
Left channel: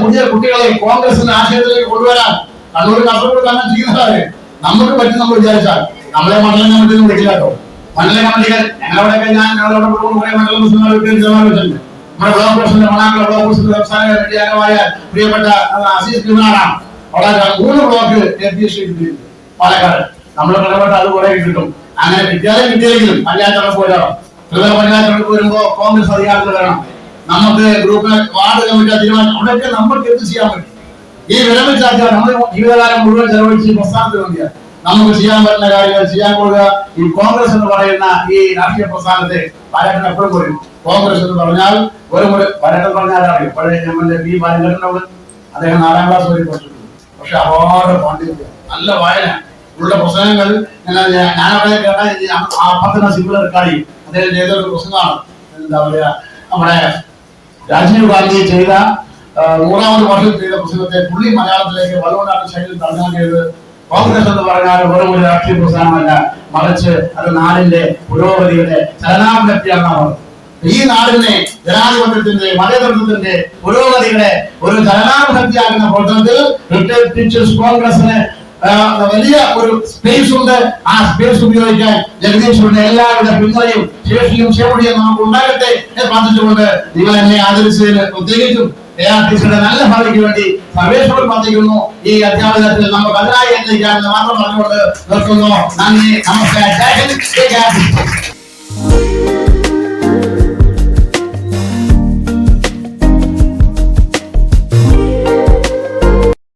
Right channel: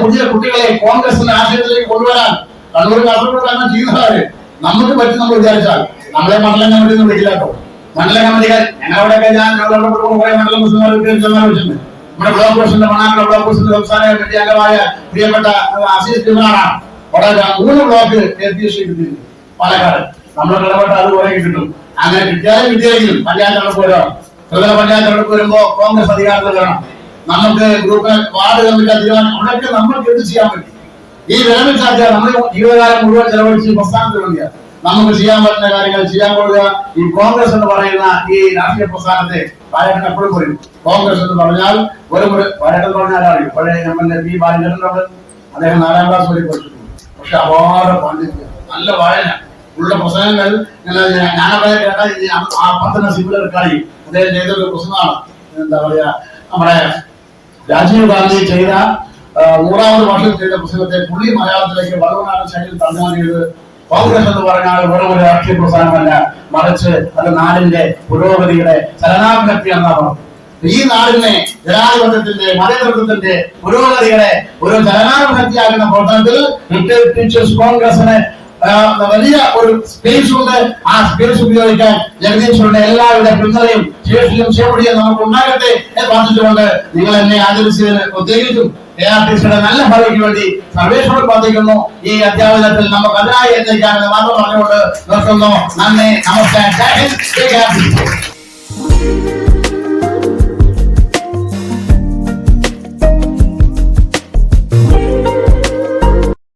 പുതിയ കുട്ടികളെ കോൺഗ്രസിന്റെ ആശയത്തിലേക്ക് കൊണ്ടുവരാൻ കണ്ണൂർ കാസർഗോഡ് കാരണം ചെയ്യുന്നതാണ്. നമുക്ക് പറ്റും നമ്മൾ വിചാരിച്ചാൽ. നമ്മളെ മണ്ഡലം കമ്മിറ്റി ഒന്നും വിളിക്കില്ലാട്ടോ. മണ്ഡലം കമ്മിറ്റികൾ ഞങ്ങളവിടെയൊക്കെ ഞങ്ങളോട് കുറെ മണ്ഡലം വെച്ചിട്ടുണ്ട്. നമ്മുടെ ബ്ലോക്ക് പ്രസിഡന്റ് മണാങ്കര ബ്ലോക്ക് പ്രസിഡന്റ് സംസ്ഥാന കമ്മിറ്റി അംഗമായ പ്രിയപ്പെട്ട അസീസ് കുമാറാണ്. അവിടെ 3 ബ്ലോക്ക് KPSC കിട്ടിയിട്ടുണ്ട് പാലക്കാട്. നമ്മൾ ഇടപെട്ട് അത് കുറെ കിട്ടും. അങ്ങനെ കിട്ടിയാലെങ്കിലും പഞ്ചായത്തുകൾക്ക് വരണം. പഞ്ചായത്തുകൾക്ക് വരുമ്പോ കോൺഗ്രസ് അധികാരത്തിൽ വരണം. നമുക്ക് ഗ്രൂപ്പ് വാർഡ് കമ്മിറ്റി തീരുമാനം അവിടെയൊക്കെ നമുക്ക് എന്ത് ചെയ്യാൻ പറ്റും? ഈ വിരമിച്ച നമ്മൾ ജീവിതകാലം മുഴുവൻ ചെലവഴിച്ച് പ്രസ്ഥാനത്തിന് വേണ്ടിയാണ്. നമുക്ക് ചെയ്യാൻ പറ്റുന്ന കാര്യങ്ങൾ ചെയ്യാൻ കൊടുക്കുക. ഈ കോൺഗ്രസ് എന്ന് പറയുന്ന ഈ രാഷ്ട്രീയ പ്രസ്ഥാനത്തെ പാലക്കാട് എപ്പോഴും പറയും. കോൺഗ്രസ് എന്ന് പറഞ്ഞാൽ പാലക്കാട് പറഞ്ഞാലാണ് പഴയ MLA P. ബാലചന്ദ്രനോട് അദ്ദേഹം 4ാം ക്ലാസ് വരെ പഠിച്ചിട്ടുണ്ട്. പക്ഷെ അപാര പാണ്ഡിത്യം, നല്ല വായന ഉള്ള പുസ്തകങ്ങൾ ഞാനവിടെ ആ 10 സിമ്പിൾ റെക്കാർഡ് അദ്ദേഹം ചെയ്തൊരു പുസ്തകമാണ്. എന്താ പറയാ, നമ്മുടെ രാജീവ് ഗാന്ധി ചെയ്ത 100ാമത് വർഷം ചെയ്ത പുസ്തകത്തെ പുള്ളി മലയാളത്തിലേക്ക് വള്ളോടാണ് ശൈലിയിൽ തർജ്ജമ ചെയ്ത്. കോൺഗ്രസ് എന്ന് പറഞ്ഞാൽ വെറും ഒരു രാഷ്ട്രീയ പ്രസ്ഥാനമല്ല, മറിച്ച് അത് നാടിന്റെ പുരോഗതിയുടെ ചലനാത്മകതയാണ്. ഈ നാടിനെ ജനാധിപത്യത്തിന്റെ മതേതരത്വത്തിന്റെ പുരോഗതിയുടെ ഒരു ചലനാത്മകതയാകുന്ന പ്രവർത്തനത്തിൽ റിട്ടയർഡ് ടീച്ചേഴ്സ് കോൺഗ്രസിന് വലിയ ഒരു സ്പേസ് ഉണ്ട്. ആ സ്പേസ് ഉപയോഗിക്കാൻ ജഗദീശ്വരന്റെ എല്ലാവിധ പിന്തുണയും ശേഷിയും ശേവടിയും നമുക്ക് ഉണ്ടാകട്ടെ എന്ന് പ്രാർത്ഥിച്ചുകൊണ്ട് നിങ്ങൾ എന്നെ ആദരിച്ചതിന് പ്രത്യേകിച്ചും KRTCയുടെ നല്ല ഭാവിക്ക് വേണ്ടി സർവേശ്വരൻ പ്രാർത്ഥിക്കുന്നു. ഈ അധ്യാപനത്തിൽ നമുക്ക് അതിനായി എത്തിക്കാമെന്ന് മാത്രം പറഞ്ഞുകൊണ്ട് നിർത്തുന്നു. നന്ദി, നമസ്കാരം.